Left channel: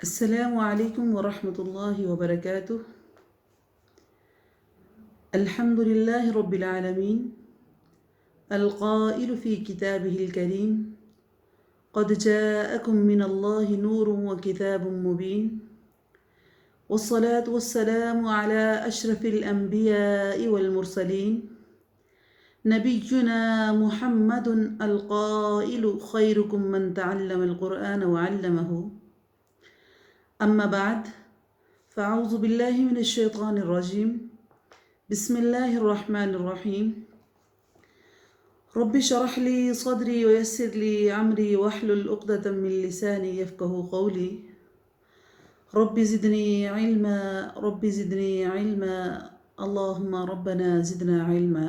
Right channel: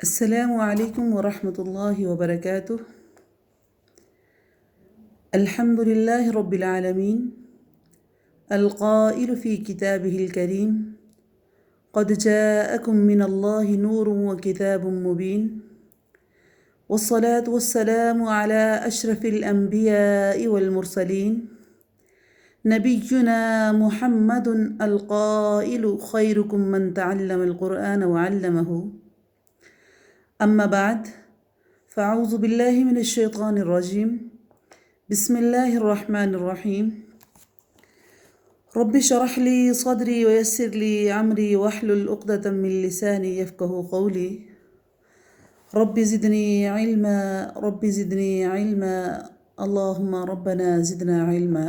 السلام عليكم ورحمة الله وبركاته. الحمد لله رب العالمين القائل في كتابه الكريم: قد جاءكم من الله نور وكتاب مبين. والصلاة والسلام على أشرف الأنبياء والمرسلين نبينا محمد القائل: خيركم من تعلم القرآن وعلمه. أما بعد، فأعوذ بالله من الشيطان الرجيم. بسم الله الرحمن الرحيم. رب اشرح لي صدري ويسر لي أمري واحلل عقدة من لساني يفقه قولي. رب زدني علما، رب زدني علما، اللهم ربنا زدنا علما.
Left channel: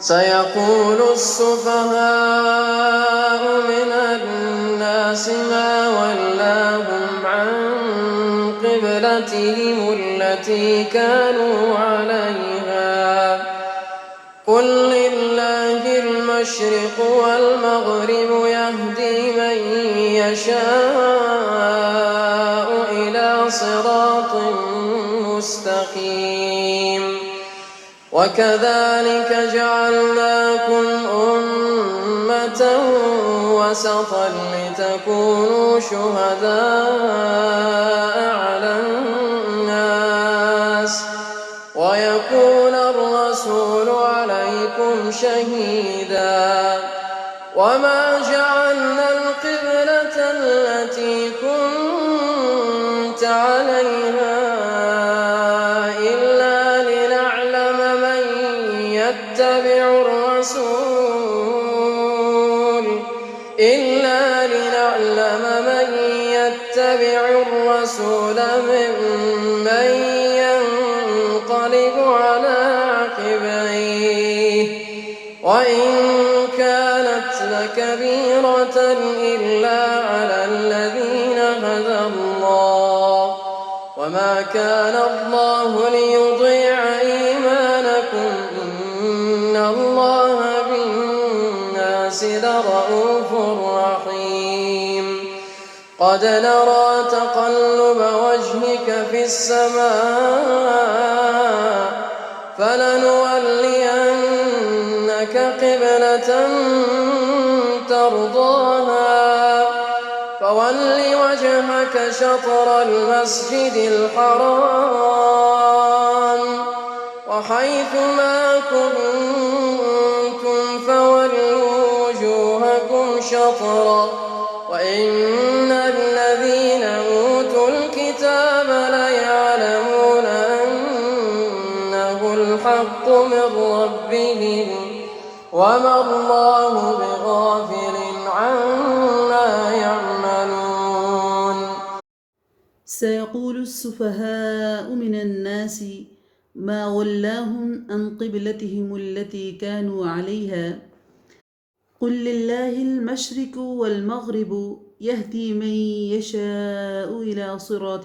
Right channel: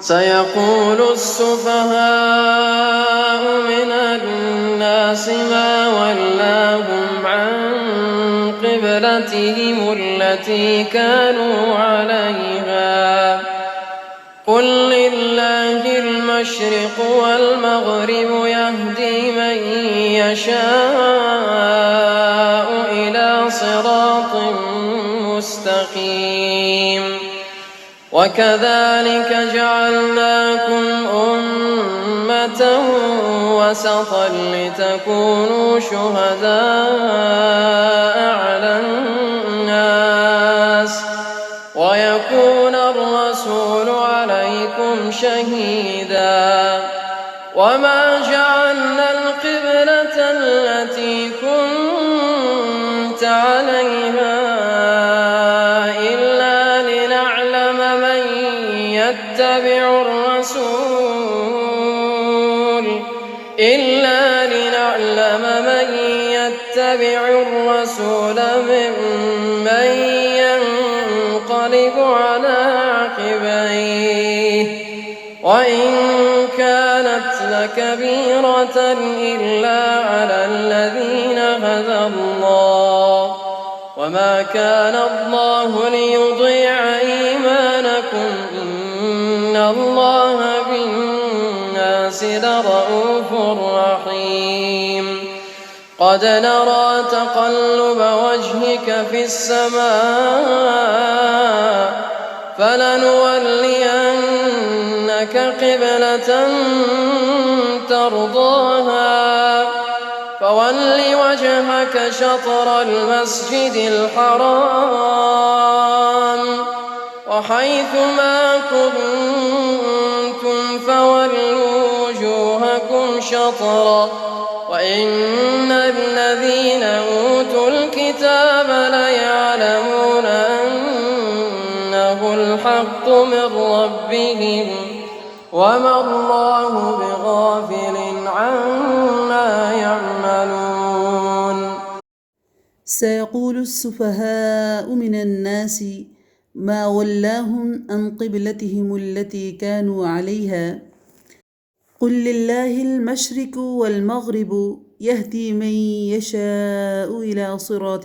سيقول السفهاء من الناس ما ولاهم عن قبلتهم التي كانوا عليها قل لله المشرق والمغرب يهدي من يشاء إلى صراط مستقيم. وكذلك جعلناكم أمة وسطا لتكونوا شهداء على الناس ويكون الرسول عليكم شهيدا. وما جعلنا القبلة التي كنت عليها إلا لنعلم من يتبع الرسول ممن ينقلب على عقبيه وإن كانت لكبيرة إلا على الذين هدى الله وما كان الله ليضيع إيمانكم إن الله بالناس لرءوف رحيم. قد نرى تقلب وجهك في السماء فلنولينك قبلة ترضاها فول وجهك شطر المسجد الحرام وحيث ما كنتم فولوا وجوهكم شطره وإن الذين أوتوا الكتاب ليعلمون أنه الحق من ربهم وما الله بغافل عما يعملون. سيقول السفهاء من الناس ما ولاهم عن قبلتهم التي كانوا عليها قل لله المشرق والمغرب يهدي من يشاء إلى صراط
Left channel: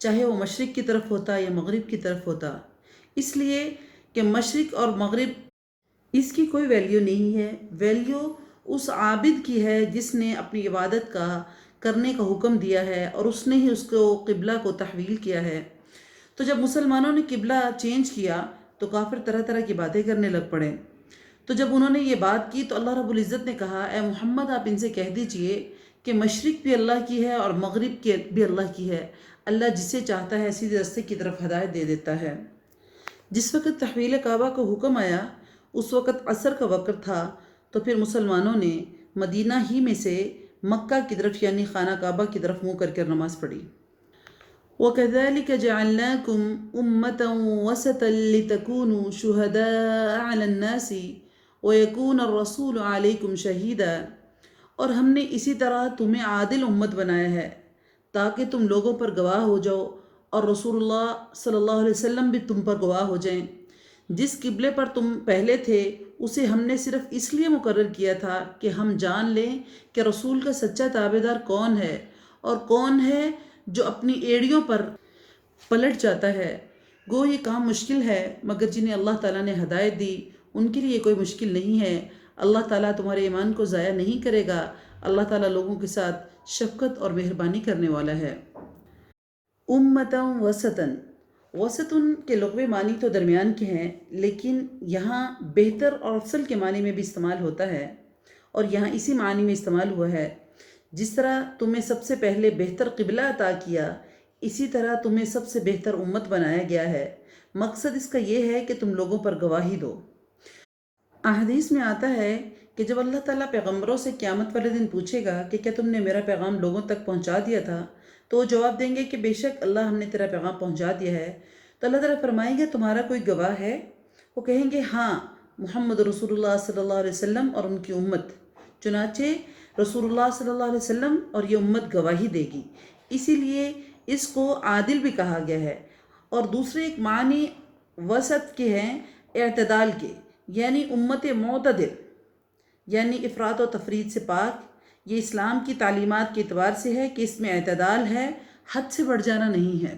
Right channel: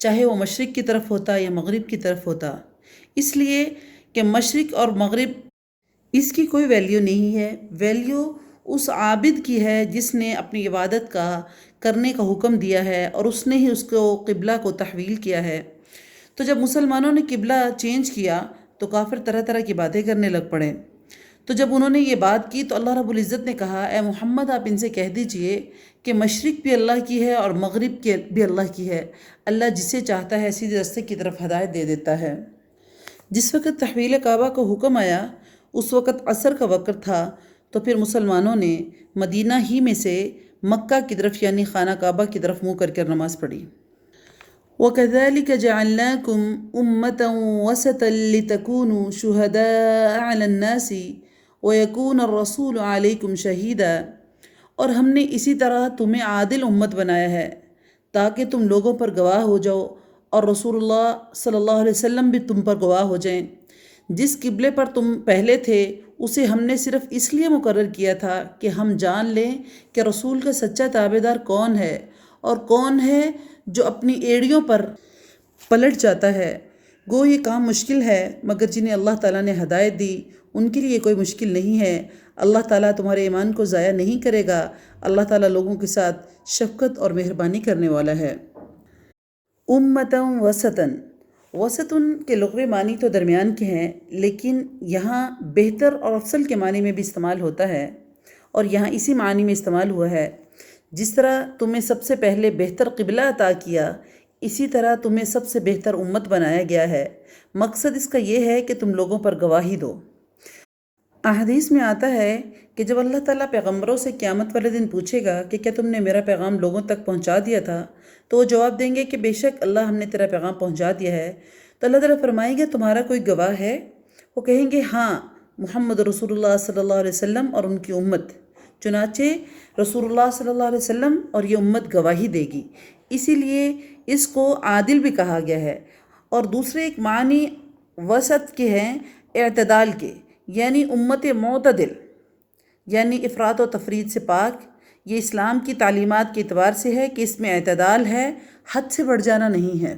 چاہے وہ مشرق کی طرف ہوتا یا مغرب کی طرف ہوتا، اس لیے کہ مشرق اور مغرب اس کی کوئی ویلیو نہیں ہے، ویلیو اس عابد کی ہے جس نے اپنی عبادت کا کرنے کا حکم دیا ہے اور اس نے ہی اس کو قبلہ کو تحویل کیا ہے۔ تو جب مسلمانوں نے قبلہ چینج کیا تو کافر طرح طرح کی باتیں کرنے لگ پڑے۔ تو جب انہوں نے یہ بات کی تو اللہ رب العزت نے کہا، اے محمد آپ ان سے کہہ دیجئے کہ مشرق بھی اللہ کی ہے اور مغرب بھی اللہ کی ہے، اللہ جسے چاہتا ہے سیدھے راستے کی طرف ہدایت دے دیتا ہے۔ جس وقت تحویل کعبہ کو حکم آیا اس وقت عصر کا وقت تھا، تو پھر مسلمانوں نے مدینہ ہی میں سے مکہ کی طرف یعنی خانہ کعبہ کی طرف منہ کر نماز پڑھی۔ وَكَذَلِكَ جَعَلْنَاكُمْ أُمَّةً وَسَطًا لِتَكُونُوا شُهَدَاءَ عَلَى النَّاسِ وَيَكُونَ الرَّسُولُ عَلَيْكُمْ شَهِيدًا، اور ہم نے اسی طرح تمہیں عادل امت بنایا ہے تاکہ تم لوگوں پر گواہ ہو جاؤ اور رسول اللہ صلی اللہ علیہ وسلم بھی تم پر گواہ ہو جائیں۔ جس قبلے پر تم پہلے تھے اسے ہم نے صرف اس لیے مقرر کیا تھا کہ ہم جان لیں کہ رسول کا سچا تابعدار کون ہے اور کون ہے جو اپنی ایڑیوں پر پلٹ جاتا ہے۔ گو یہ کام مشکل ہے مگر جنہیں اللہ تعالیٰ نے ہدایت دی ان کے لیے یہ کوئی مشکل نہیں ہے۔ اللہ تعالیٰ تمہارے ایمان کو ضائع نہیں کرے گا، اللہ تعالیٰ لوگوں کے ساتھ شفقت اور مہربانی کرنے والا ہے۔ امتاً وسطاً، وسطن کے لغوی معنی تو درمیان کے ہیں، لیکن یہاں بہتر اور افضل کے معنی میں بھی استعمال ہوتا ہے، اور یہاں اسی معنی میں استعمال ہوا ہے۔ جس طرح تمہیں سب سے پہلے بہتر قبلہ عطا کیا، اسی طرح تمہیں سب سے بہتر امت بنایا گیا ہے۔ مقصد اس کا یہ ہے کہ تم لوگوں پر گواہی دو۔ احادیث میں آتا ہے کہ جب اللہ تعالیٰ پیغمبروں سے قیامت والے دن پوچھے گا کہ کیا تم نے میرا پیغام لوگوں تک پہنچا دیا تھا، تو وہ جواب دیں گے کہ بے شک اللہ ہم نے تیرا پیغام پہنچا دیا ہے۔ تو اللہ تعالیٰ فرمائیں گے تمہارا کوئی گواہ ہے؟ وہ کہیں گے ہاں، محمد رسول اللہ صلی اللہ علیہ وسلم اور ان کی امت۔ چنانچہ رسول اللہ صلی اللہ علیہ وسلم اور یہ امت گواہی دے گی، اسی لیے اس کو عادل بھی کہا گیا ہے۔ اور دوسرے ایک معنی وسط کے ہیں اعتدال کے، یعنی امت معتدل، یعنی افراط و تفرید سے پاک۔ یہ اسلام کی تعلیمات کے اعتبار سے ہے کہ اس میں اعتدال ہے، حد سے بڑھ جانا نہیں ہے۔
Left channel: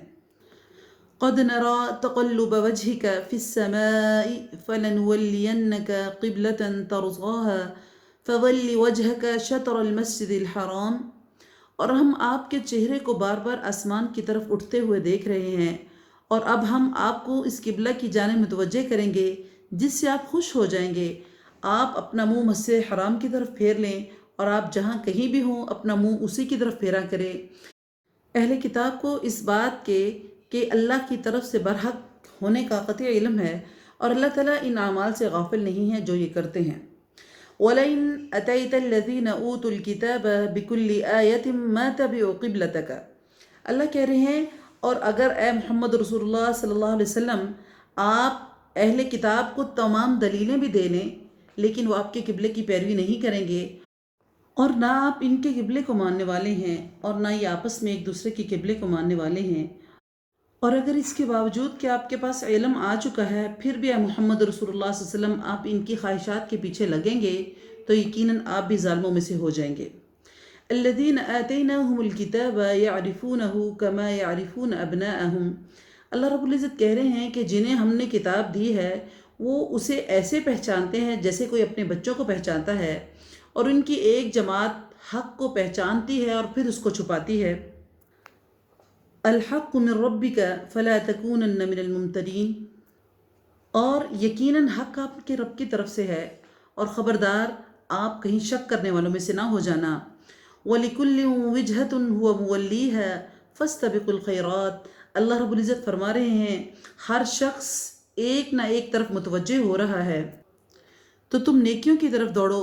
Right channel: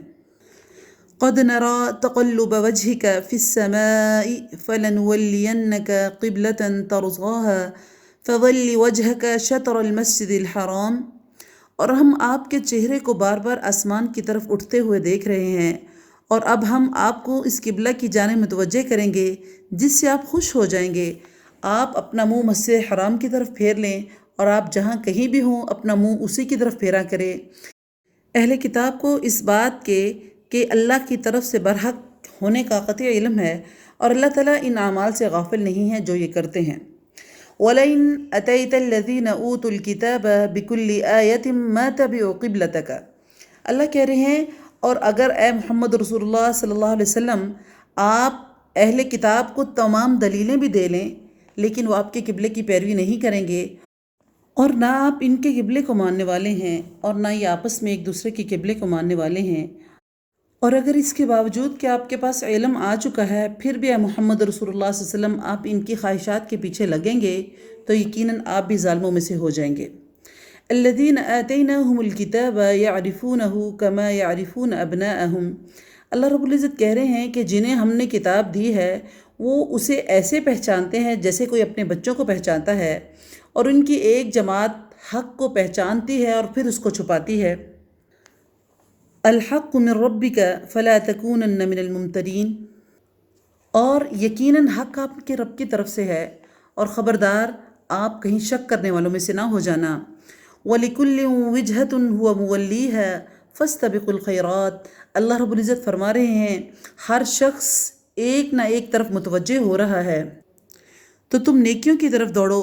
قد نرى تقلب وجهك في السماء فلنولينك قبلة ترضاها فول وجهك شطر المسجد الحرام، اور ہم آپ کے چہرے کو بار بار آسمان کی طرف اٹھتے ہوئے دیکھ رہے ہیں، اور اب ہم آپ کو اس قبلہ کی جانب متوجہ کریں گے جس سے آپ خوش ہو جائیں گے۔ آپ اپنا منہ مسجد حرام کی طرف پھیر لیں، اور آپ جہاں کہیں بھی ہوں اپنا منہ اسی کی طرف پھیرا کریں۔ اہل کتاب کو اس بات کے کہ اللہ کی طرف سے برحق ہونے کا قطعی علم ہے، اور اللہ تعالیٰ ان اعمال سے غافل نہیں ہے جو یہ کرتے ہیں۔ وَلَئِنْ أَتَيْتَ الَّذِينَ أُوتُوا الْكِتَابَ بِكُلِّ آيَةٍ مَا تَبِعُوا قِبْلَتَكَ، اللہ کہہ رہے ہیں اور اگر اے محمد رسول اللہ صلی اللہ علیہ وسلم آپ اہل کتاب کو تمام دلیلیں بھی دے لیں لیکن وہ آپ کے قبلے کی پیروی نہیں کریں گے، اور نہ آپ ان کے قبلے کو ماننے والے ہیں اور نہ یہ آپس میں ایک دوسرے کے قبلے کو ماننے والے ہیں، اور اگر اس کے باوجود کہ آپ کے پاس علم آ چکا ہے پھر بھی اے محمد رسول اللہ صلی اللہ علیہ وسلم آپ ان کی خواہشات کے پیچھے لگیں گے تو یقیناً آپ بھی ظالموں میں سے ہو جائیں گے۔ الذین آتیناہم الکتاب یعرفونہ کما یعرفون ابناءہم، اللہ رب العزت کہہ رہے ہیں کہ جنہیں ہم نے کتاب دی ہے وہ اسے ایسے پہچانتے ہیں جیسے کوئی اپنے بچوں کو پہچانتا ہے، اور ان کی ایک جماعت حق کو پہچانتی ہے اور پھر اس کو چھپاتی ہے۔ الحق من ربک فلا تکونن من الممترین، اور یقیناً حق آپ کے رب کی طرف سے ہے اور خبردار آپ کہیں شک کرنے والوں میں سے نہ ہو جانا۔ وَلِكُلٍّ وِجْهَةٌ هُوَ مُوَلِّيهَا فَاسْتَبِقُوا الْخَيْرَاتِ، اللہ رب العزت فرما رہے ہیں ہر شخص ایک نہ ایک طرف متوجہ ہو رہا ہے، تو تم نیکیوں کی طرف دوڑو،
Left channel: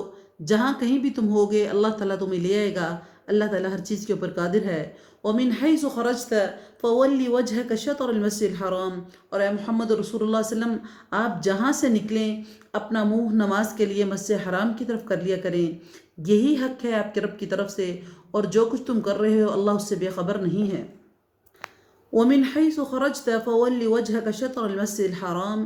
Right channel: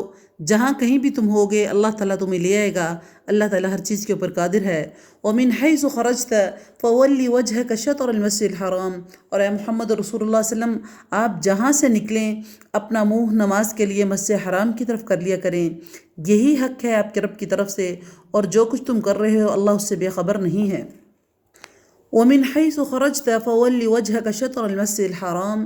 جہاں کہیں بھی تم ہوگے اللہ تعالیٰ تمہیں لے آئے گا، اللہ تعالیٰ ہر چیز کے اوپر قادر ہے۔ وَمِنْ حَيْثُ خَرَجْتَ فَوَلِّ وَجْهَكَ شَطْرَ الْمَسْجِدِ الْحَرَامِ، اور اے محمد رسول اللہ صلی اللہ علیہ وسلم آپ جہاں سے نکلیں اپنا منہ نماز کے لیے مسجد حرام کی طرف کر لیا کریں، یہی حق ہے آپ کے رب کی طرف سے، اور جو کچھ تم کر رہے ہو اللہ اس سے بے خبر نہیں ہے۔ وَمِنْ حَيْثُ خَرَجْتَ فَوَلِّ وَجْهَكَ شَطْرَ الْمَسْجِدِ الْحَرَامِ،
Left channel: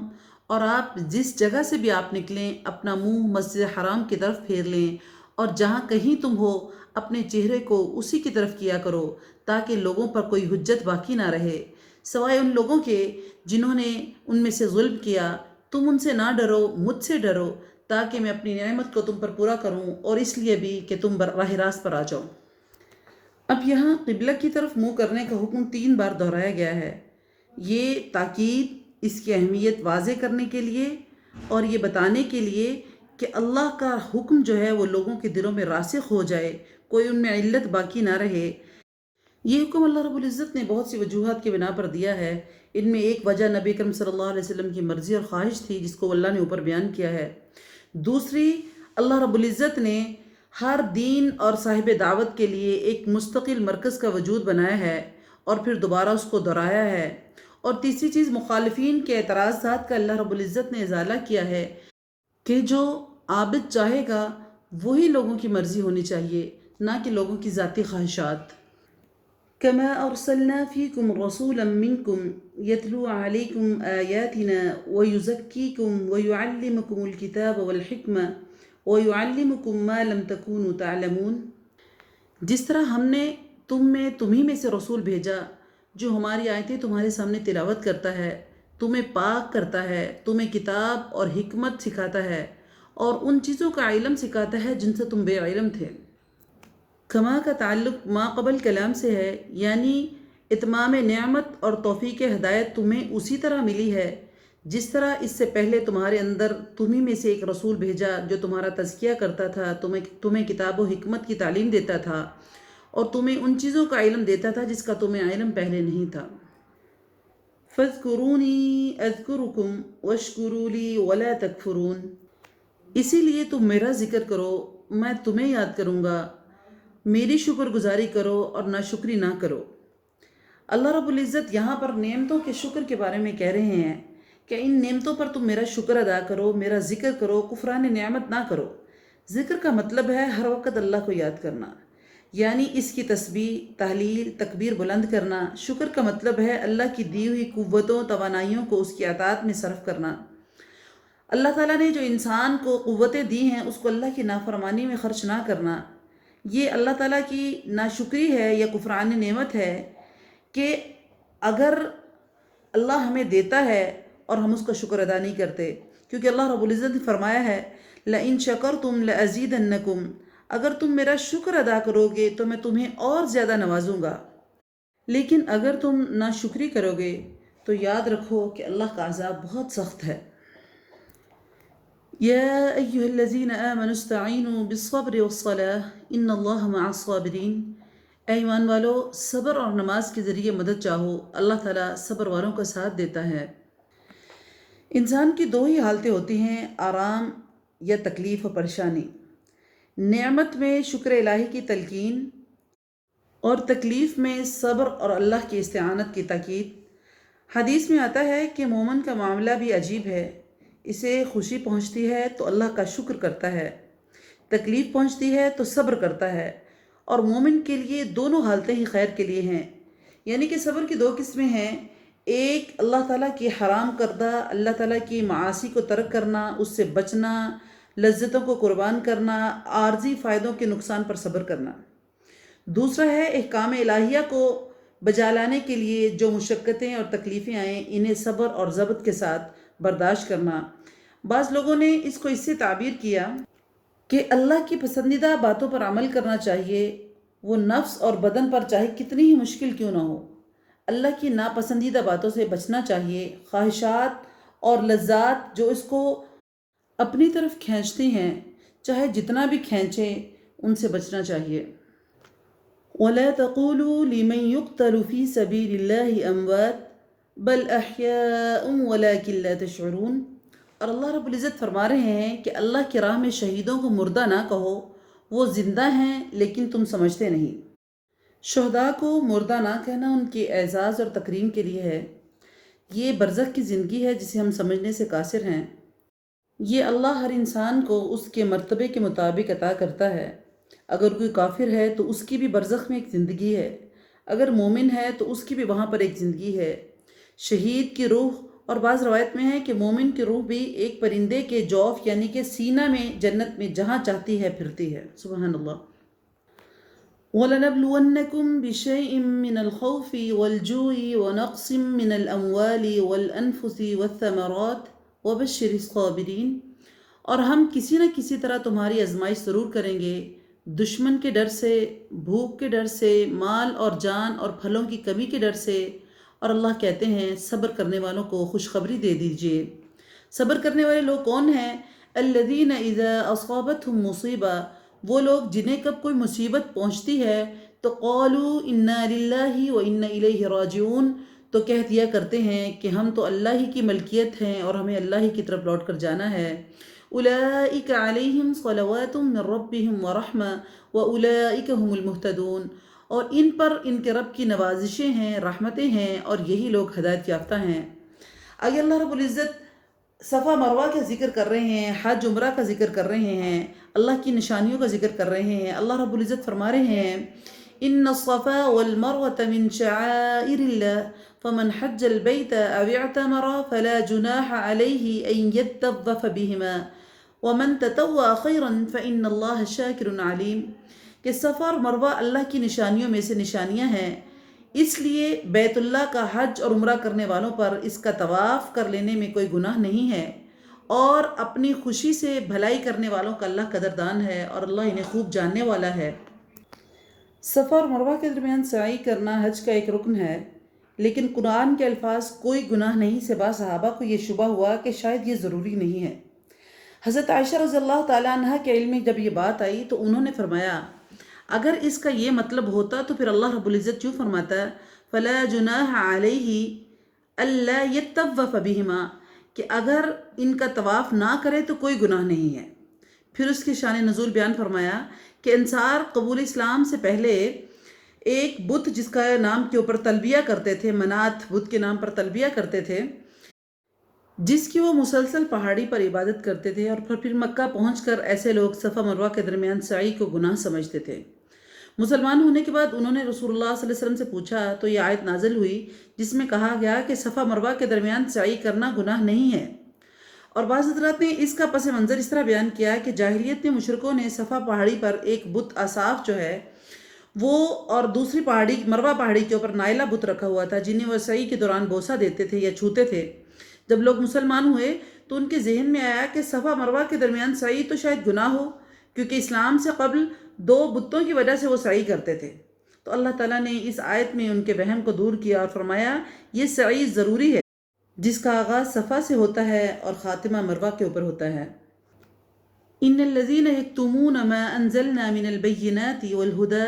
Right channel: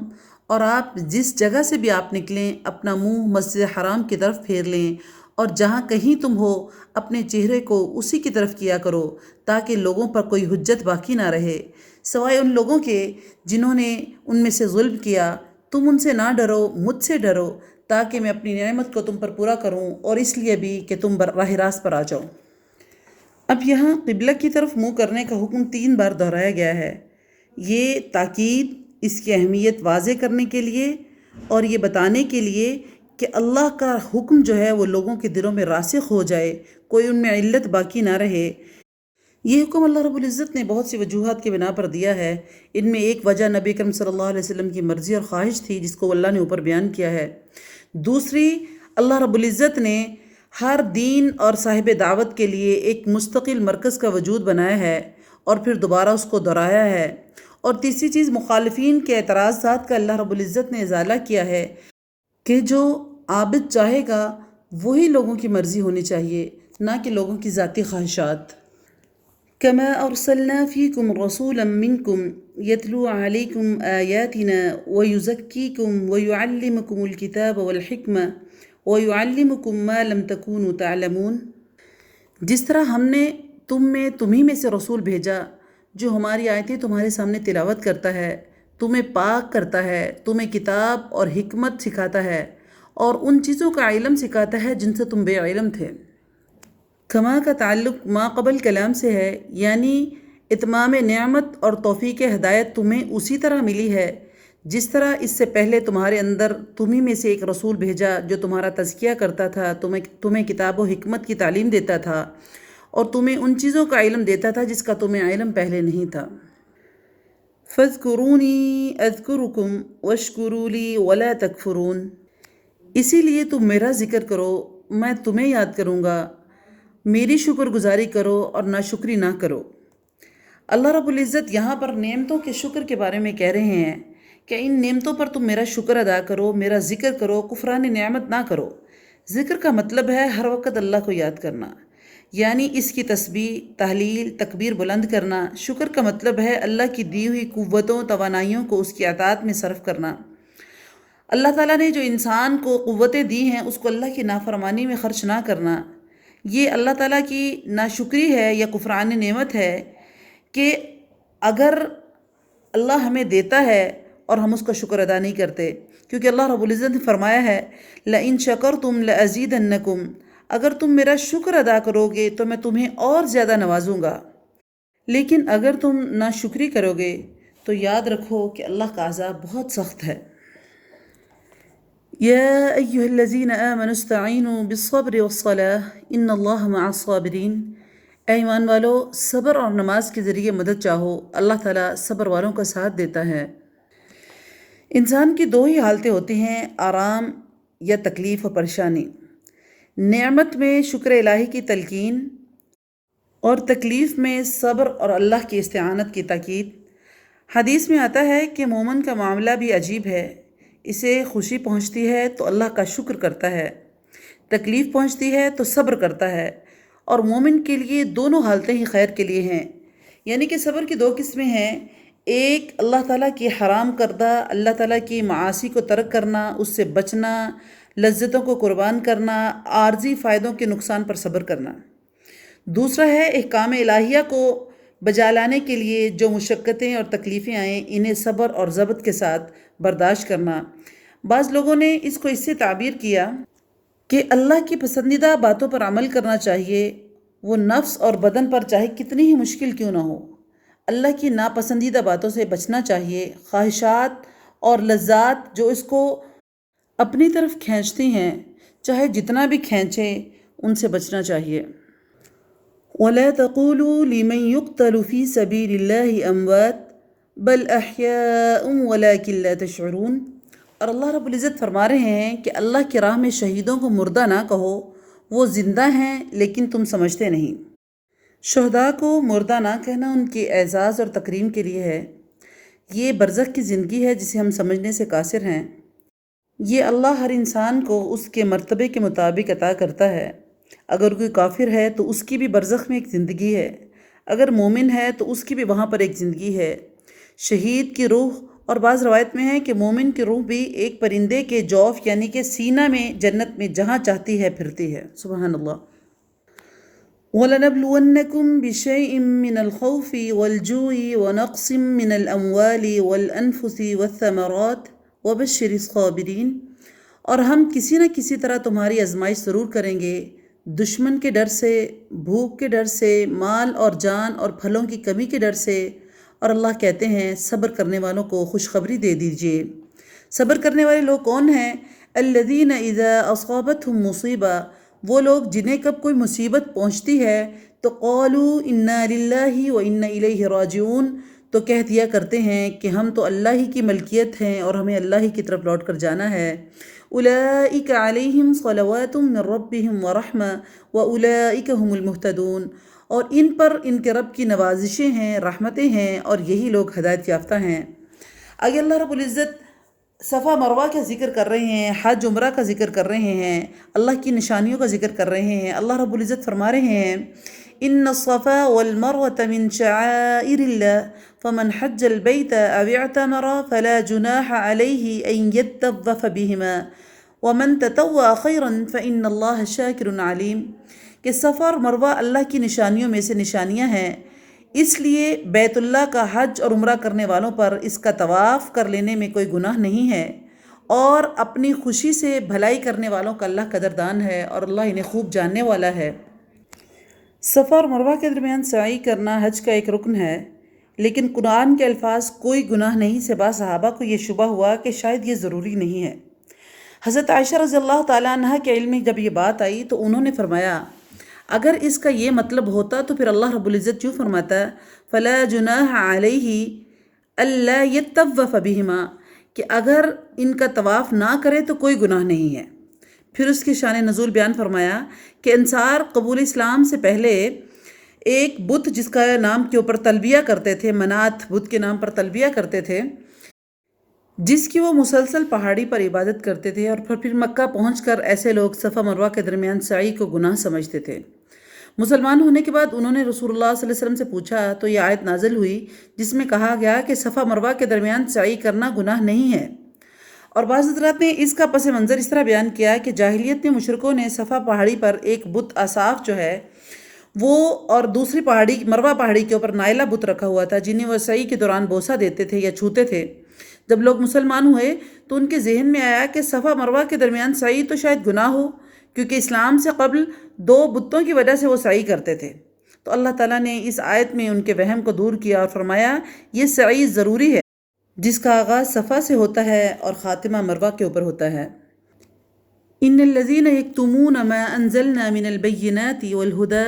اور آپ جس جگہ سے بھی آپ نکلیں اپنا منہ مسجد حرام کی طرف پھیر لیں، اور جہاں کہیں تم ہو اپنے چہرے کو اسی کی طرف کیا کرو تاکہ لوگوں پر کوئی حجت باقی نہ رہے سوائے ان لوگوں کے جنہوں نے ان میں سے ظلم کیا۔ تم ان سے نہ ڈرو، مجھ سے ڈرو تاکہ میں اپنی نعمت کو تم پر پورا کروں، اور اس لیے بھی کہ تم راہ راست پر آ جاؤ۔ اب یہاں قبلہ کی طرف منہ کرنے کا حکم 3 بار دہرایا گیا ہے۔ یہ تاکید اس کی اہمیت واضح کرنے کے لیے اور یہ بتانے کے لیے کہ اللہ کا حکم جو ہے وہ لوگوں کے دلوں میں راسخ ہو جائے، کوئی ان میں علت باقی نہ رہے۔ یہ حکم اللہ رب العزت نے بہت سی وجوہات کے بنا پر دیا ہے۔ ان میں ایک وجہ نبی کرم صلی اللہ علیہ وسلم کی مرضی اور خواہش تھی جس کو اللہ نے اوپر بیان کیا ہے۔ دوسری، اللہ رب العزت نے ہر دین اور صاحب دعوت کے لیے ایک مستقل مرکز کا وجود بنایا ہے اور پھر دوبارہ اس کو دہرایا ہے۔ اور تیسری چیز، مخالفین کے اعتراضات کا اللہ رب العزت نے ازالہ کیا ہے کہ جو عابد چاہے گا وہی لوگوں کی مرضی ہونی چاہیے، نہ کہ لوگوں کی ذاتی خواہشات۔ کما ارسلنا فیکم رسولا منکم یتلو علیکم آیاتنا ویزکیکم ویعلمکم الکتاب والحکمہ وَيُعَلِّمُكُم مَّا لَمْ تَكُونُوا تَعْلَمُونَ۔ جس طرح ہم نے تمہیں میں سے رسول بھیجا جو ہماری آیتیں تمہارے سامنے تلاوت کرتا ہے، تمہیں پاک کرتا ہے، تمہیں کتاب اور حکمت سکھاتا ہے اور ان چیزوں کا علم سکھاتا ہے جن سے تم بے علم تھے۔ کما کا تعلق ما قبل کلام سے ہے، یعنی اتمام نعمت اور توفیق ہدایت تمہیں اسی طرح ملی ہے جس طرح اس سے پہلے تمہارے اندر تمہیں میں سے ایک رسول بھیجا جو تمہارا تزکیہ کرتا تھا، تمہیں کتاب و حکمت کی تعلیم دیتا تھا اور تمہیں ان چیزوں کا علم دیتا تھا جس کا تمہیں علم پہلے نہیں تھا۔ فَاذْكُرُونِي أَذْكُرُكُمْ وَاشْكُرُوا لِي وَلَا تَكْفُرُونَ۔ اسی لیے تم میرا ذکر کرو، میں تمہیں یاد کروں گا، میری شکر گزاری کرو اور ناشکری نہ کرو۔ اللہ رب العزت یہاں پر نعمتوں کے شکر کے بارے میں کہہ رہے ہیں کہ ان نعمتوں پر تم میرا شکر ادا کرو، میرا ذکر کرو، کفران نعمت نہ کرو۔ ذکر کا مطلب ہے ہر وقت اللہ کو یاد کرنا، یعنی اس کی تسبیح، تحلیل، تکبیر بلند کرنا۔ شکر کا مطلب ہے اللہ کی دی ہوئی قوتوں، توانائیوں کو اس کی اطاعت میں صرف کرنا۔ اللہ تعالیٰ نے جو انسان کو قوتیں دی ہیں اس کو اللہ کی نافرمانی میں خرچ نہ کرنا، یہ اللہ تعالیٰ کی ناشکری ہے یا کفران نعمت ہے کہ اگر اللہ ہمیں دیتا ہے اور ہم اس کا شکر ادا نہیں کرتے، کیونکہ اللہ رب العزت نے فرمایا ہے لَإِن شَكَرْتُمْ لَأَزِيدَنَّكُمْ، اگر تم میرا شکر ادا کرو گے تو میں تمہیں اور زیادہ نوازوں گا، لیکن اگر تم ناشکری کرو گے تو یاد رکھو کہ اللہ کا عذاب بہت سخت ہے۔ یا ایھا الذین آمنوا استعینوا بالصبر والصلاة ان اللہ مع الصابرین۔ اے ایمان والو، صبر اور نماز کے ذریعے مدد چاہو، اللہ تعالیٰ صبر والوں کا ساتھ دیتا ہے۔ انسان کی 2 ہی حالتیں ہوتی ہیں، آرام یا تکلیف و پریشانی۔ نعمت میں شکر الہی کی تلقین اور تکلیف میں صبر اور اللہ کی استعانت کی تاکید۔ حدیث میں آتا ہے کہ مومن کا معاملہ بھی عجیب ہے، اسے خوشی پہنچتی ہے تو اللہ کا شکر کرتا ہے، تکلیف پہنچتی ہے تو صبر کرتا ہے، اور مومن کے لیے دونوں حالتیں ہی خیر کے لیے ہیں۔ یعنی کہ صبر کی 2 قسمیں ہیں، ایک اللہ تعالیٰ کی حرام کردہ، اللہ تعالیٰ کی معاصی کو ترک کرنا، اس سے بچنا، لذتوں کو قربان کرنا، عارضی فائدوں کے نقصان پر صبر کرنا۔ دوسرا ہے احکام الہیہ کو بجا لانے کے لیے جو مشقتیں اور تکلیفیں آئیں انہیں صبر اور ضبط کے ساتھ برداشت کرنا۔ بعض لوگوں نے اس کو اس سے تعبیر کیا کہ اللہ کی پسندیدہ باتوں پر عمل کرنا چاہیے، وہ نفس اور بدن پر چاہے کتنی ہی مشکل کیوں نہ ہو۔ اللہ کی ناپسندیدہ باتوں سے بچنا چاہیے، خواہشات اور لذات جو اس کو اپنی طرف کھینچتی ہیں چاہے جتنا بھی کھینچیں ان سے بچنا چاہیے۔ وَلَا تَقُولُوا لِمَنْ يُقْتَلُ فِي سَبِيلِ اللَّهِ أَمْوَاتٌ بَلْ أَحْيَاءٌ وَلَكِنْ لَا تَشْعُرُونَ۔ اور اللہ رب العزت فرما رہے ہیں کہ اللہ کی راہ میں شہیدوں کو مردہ نہ کہو، وہ زندہ ہیں لیکن تم سمجھتے نہیں۔ شہداء کو مردہ نہ کہنا ان کے اعزاز اور تکریم کے لیے ہے۔ یہ برزخ کی زندگی ہے جسے ہم سمجھنے سے قاصر ہیں۔ یہ اللہ ہر انسان کو اس کے مرتبے کے مطابق عطا کرتا ہے۔ اگر کوئی کافر ہے تو اس کی بھی برزخ میں ایک زندگی ہے، اگر مومن ہے تو اس کی بھی وہاں پر ایک زندگی ہے۔ شہید کی روح اور بعض روایت میں ہے کہ مومن کی روح بھی ایک پرندے کے جوف یعنی کہ سینہ میں جنت میں جہاں چاہتی ہے پھرتی ہے۔ سبحان اللہ۔ وَلَنَبْلُوَنَّكُمْ بِشَيْءٍ مِّنَ الْخَوْفِ وَالْجُوعِ وَنَقْصٍ مِّنَ الْأَمْوَالِ وَالْأَنفُسِ وَالثَّمَرَاتِ وَبَشِّرِ الصَّابِرِينَ، اور ہم کسی نہ کسی طرح تمہاری آزمائش ضرور کریں گے، دشمن کے ڈر سے، بھوک کے ڈر سے، مال اور جان اور پھلوں کی کمی کے ڈر سے، اور اللہ کہتے ہیں صبر کرنے والوں کو خوشخبری دے دیجئے۔ صبر کرنے والے لوگ کون ہیں؟ الذین اذا اصابتہم مصیبہ، وہ لوگ جنہیں کب کوئی مصیبت پہنچتی ہے تو قالوا انا للہ و انا الیہ راجعون، تو کہہ دیا کرتے ہیں کہ ہم تو اللہ ہی کی ملکیت ہیں اور ہمیں اللہ ہی کی طرف لوٹ کر جانا ہے۔ اولئک علیہم صلوات من ربہم ورحمہ واولئک هم المہتدون، اور ان پر ان کے رب کی نوازشیں ہیں، رحمتیں ہیں، اور یہی لوگ ہدایت یافتہ ہیں۔ آگے اللہ رب العزت صفا مروہ کا ذکر کر رہے ہیں، حج عمرہ کا ذکر کر رہے ہیں، اللہ کی نشانیوں کا ذکر کر رہے ہیں۔ اللہ رب العزت فرما رہے ہیں ان الصفا والمروة من شعائر الله فمن حج البيت او اعتمر فلا جناح عليه ان يطوف بهما ومن تطوع خيرا فإن الله شاكر عليم، کہ صفا اور مروہ اللہ کی نشانیوں میں سے نشانیاں ہیں، اس لیے بیت اللہ کا حج اور عمرہ کرنے والوں پر اس کا طواف کر لینے میں کوئی گناہ نہیں ہے، اور اپنی خوشی سے بھلائی کرنے والوں کا اللہ قدردان ہے اور اللہ انہیں خوب جاننے والا ہے۔ صفا اور مروہ کے درمیان سعی کرنا حج کا ایک رکن ہے، لیکن قرآن کے الفاظ کوئی گناہ نہیں سے بعض صحابہ کو یہ شبہ ہوا کہ شاید یہ ضروری نہیں ہے۔ حضرت عائشہ رضی اللہ تعالیٰ عنہ کے علم میں جب یہ بات آئی تو انہوں نے فرمایا اگر اس کا یہ مطلب ہوتا تو پھر اللہ رب العزت یوں فرماتا فلا جناح علیہ الا یطوف بہما، کہ اگر ان کا طواف نہ کرے تو کوئی گناہ نہیں ہے۔ پھر اس کی شان نزول بیان فرمایا کہ انصار قبول اسلام سے پہلے ایک بت جس کا نام کے اوپر تلبیہ کرتے تھے، منات بت کے نام پر تلبیہ کرتے تھے، جس کی وہ مسلسل پہاڑی پر عبادت کرتے تھے، اور پھر مکہ پہنچ کر ایسے لوگ صفا مروہ کے درمیان سعی کو گناہ سمجھتے تھے۔ مسلمان ہونے کے بعد انہوں نے رسول اللہ صلی اللہ علیہ وسلم سے پوچھا تو یہ آیت نازل ہوئی جس میں کہا گیا کہ صفا مروہ کے درمیان سعی کرنا گناہ نہیں ہے۔ اور بعض حضرات نے اس کا پس منظر اس طرح بیان کیا کہ جاہلیت میں مشرکوں نے صفا پہاڑی پر ایک بت اصاف جو ہے وہ اور دوسری پہاڑی مروہ پہاڑی کے اوپر نائلہ بت رکھا ہوا تھا، جنہیں وہ سعی کے دوران بوسہ دیتے تھے یا چھوتے تھے۔ جب لوگ مسلمان ہوئے تو ان کے ذہن میں آیا کہ صفا مروہ کے درمیان سعی تو شاید گناہ ہو، کیونکہ اسلام سے قبل 2 بتوں کی وجہ سے وہ سعی کرتے تھے۔ تو اللہ تعالیٰ نے اس آیت میں ان کے وہم کو دور کیا اور فرمایا یہ سعی ضروری ہے، جس کا آغاز صفا سے ہوتا ہے اور خاتمہ مروہ کے اوپر ہوتا ہے۔ ان الذین یکتمون ما انزلنا من البینات والہدى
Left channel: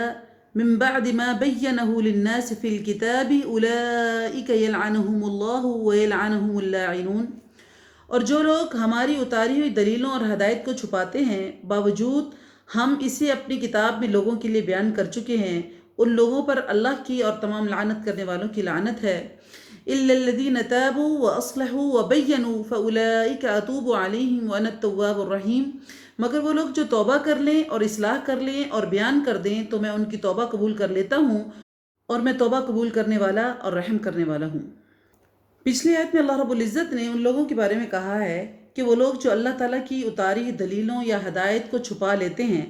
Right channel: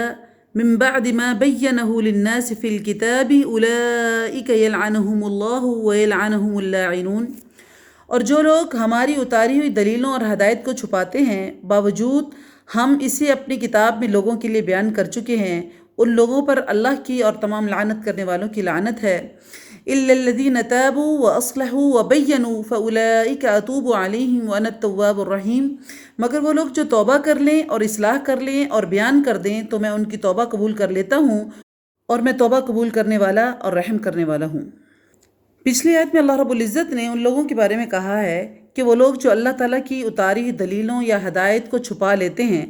من بعد ما بینہ للناس فی الکتاب اولئک یلعنہم اللہ ویلعنہم اللاعنون، اور جو لوگ ہماری اتاری ہوئی دلیلوں اور ہدایت کو چھپاتے ہیں باوجود ہم اسے اپنی کتاب میں لوگوں کے لیے بیان کر چکے ہیں، ان لوگوں پر اللہ کی اور تمام لعنت کرنے والوں کی لعنت ہے۔ الا الذین تابوا واصلحوا وبینوا فاولئک اتوب علیہم وانا التواب الرحیم، مگر وہ لوگ جو توبہ کر لیں اور اصلاح کر لیں اور بیان کر دیں تو میں ان کی توبہ قبول کر لیتا ہوں، اور میں توبہ قبول کرنے والا اور رحم کرنے والا ہوں۔ پچھلی آیت میں اللہ رب العزت نے ان لوگوں کے بارے میں کہا ہے کہ وہ لوگ جو اللہ تعالیٰ کی اتاری دلیلوں یا ہدایت کو چھپا لیتے ہیں،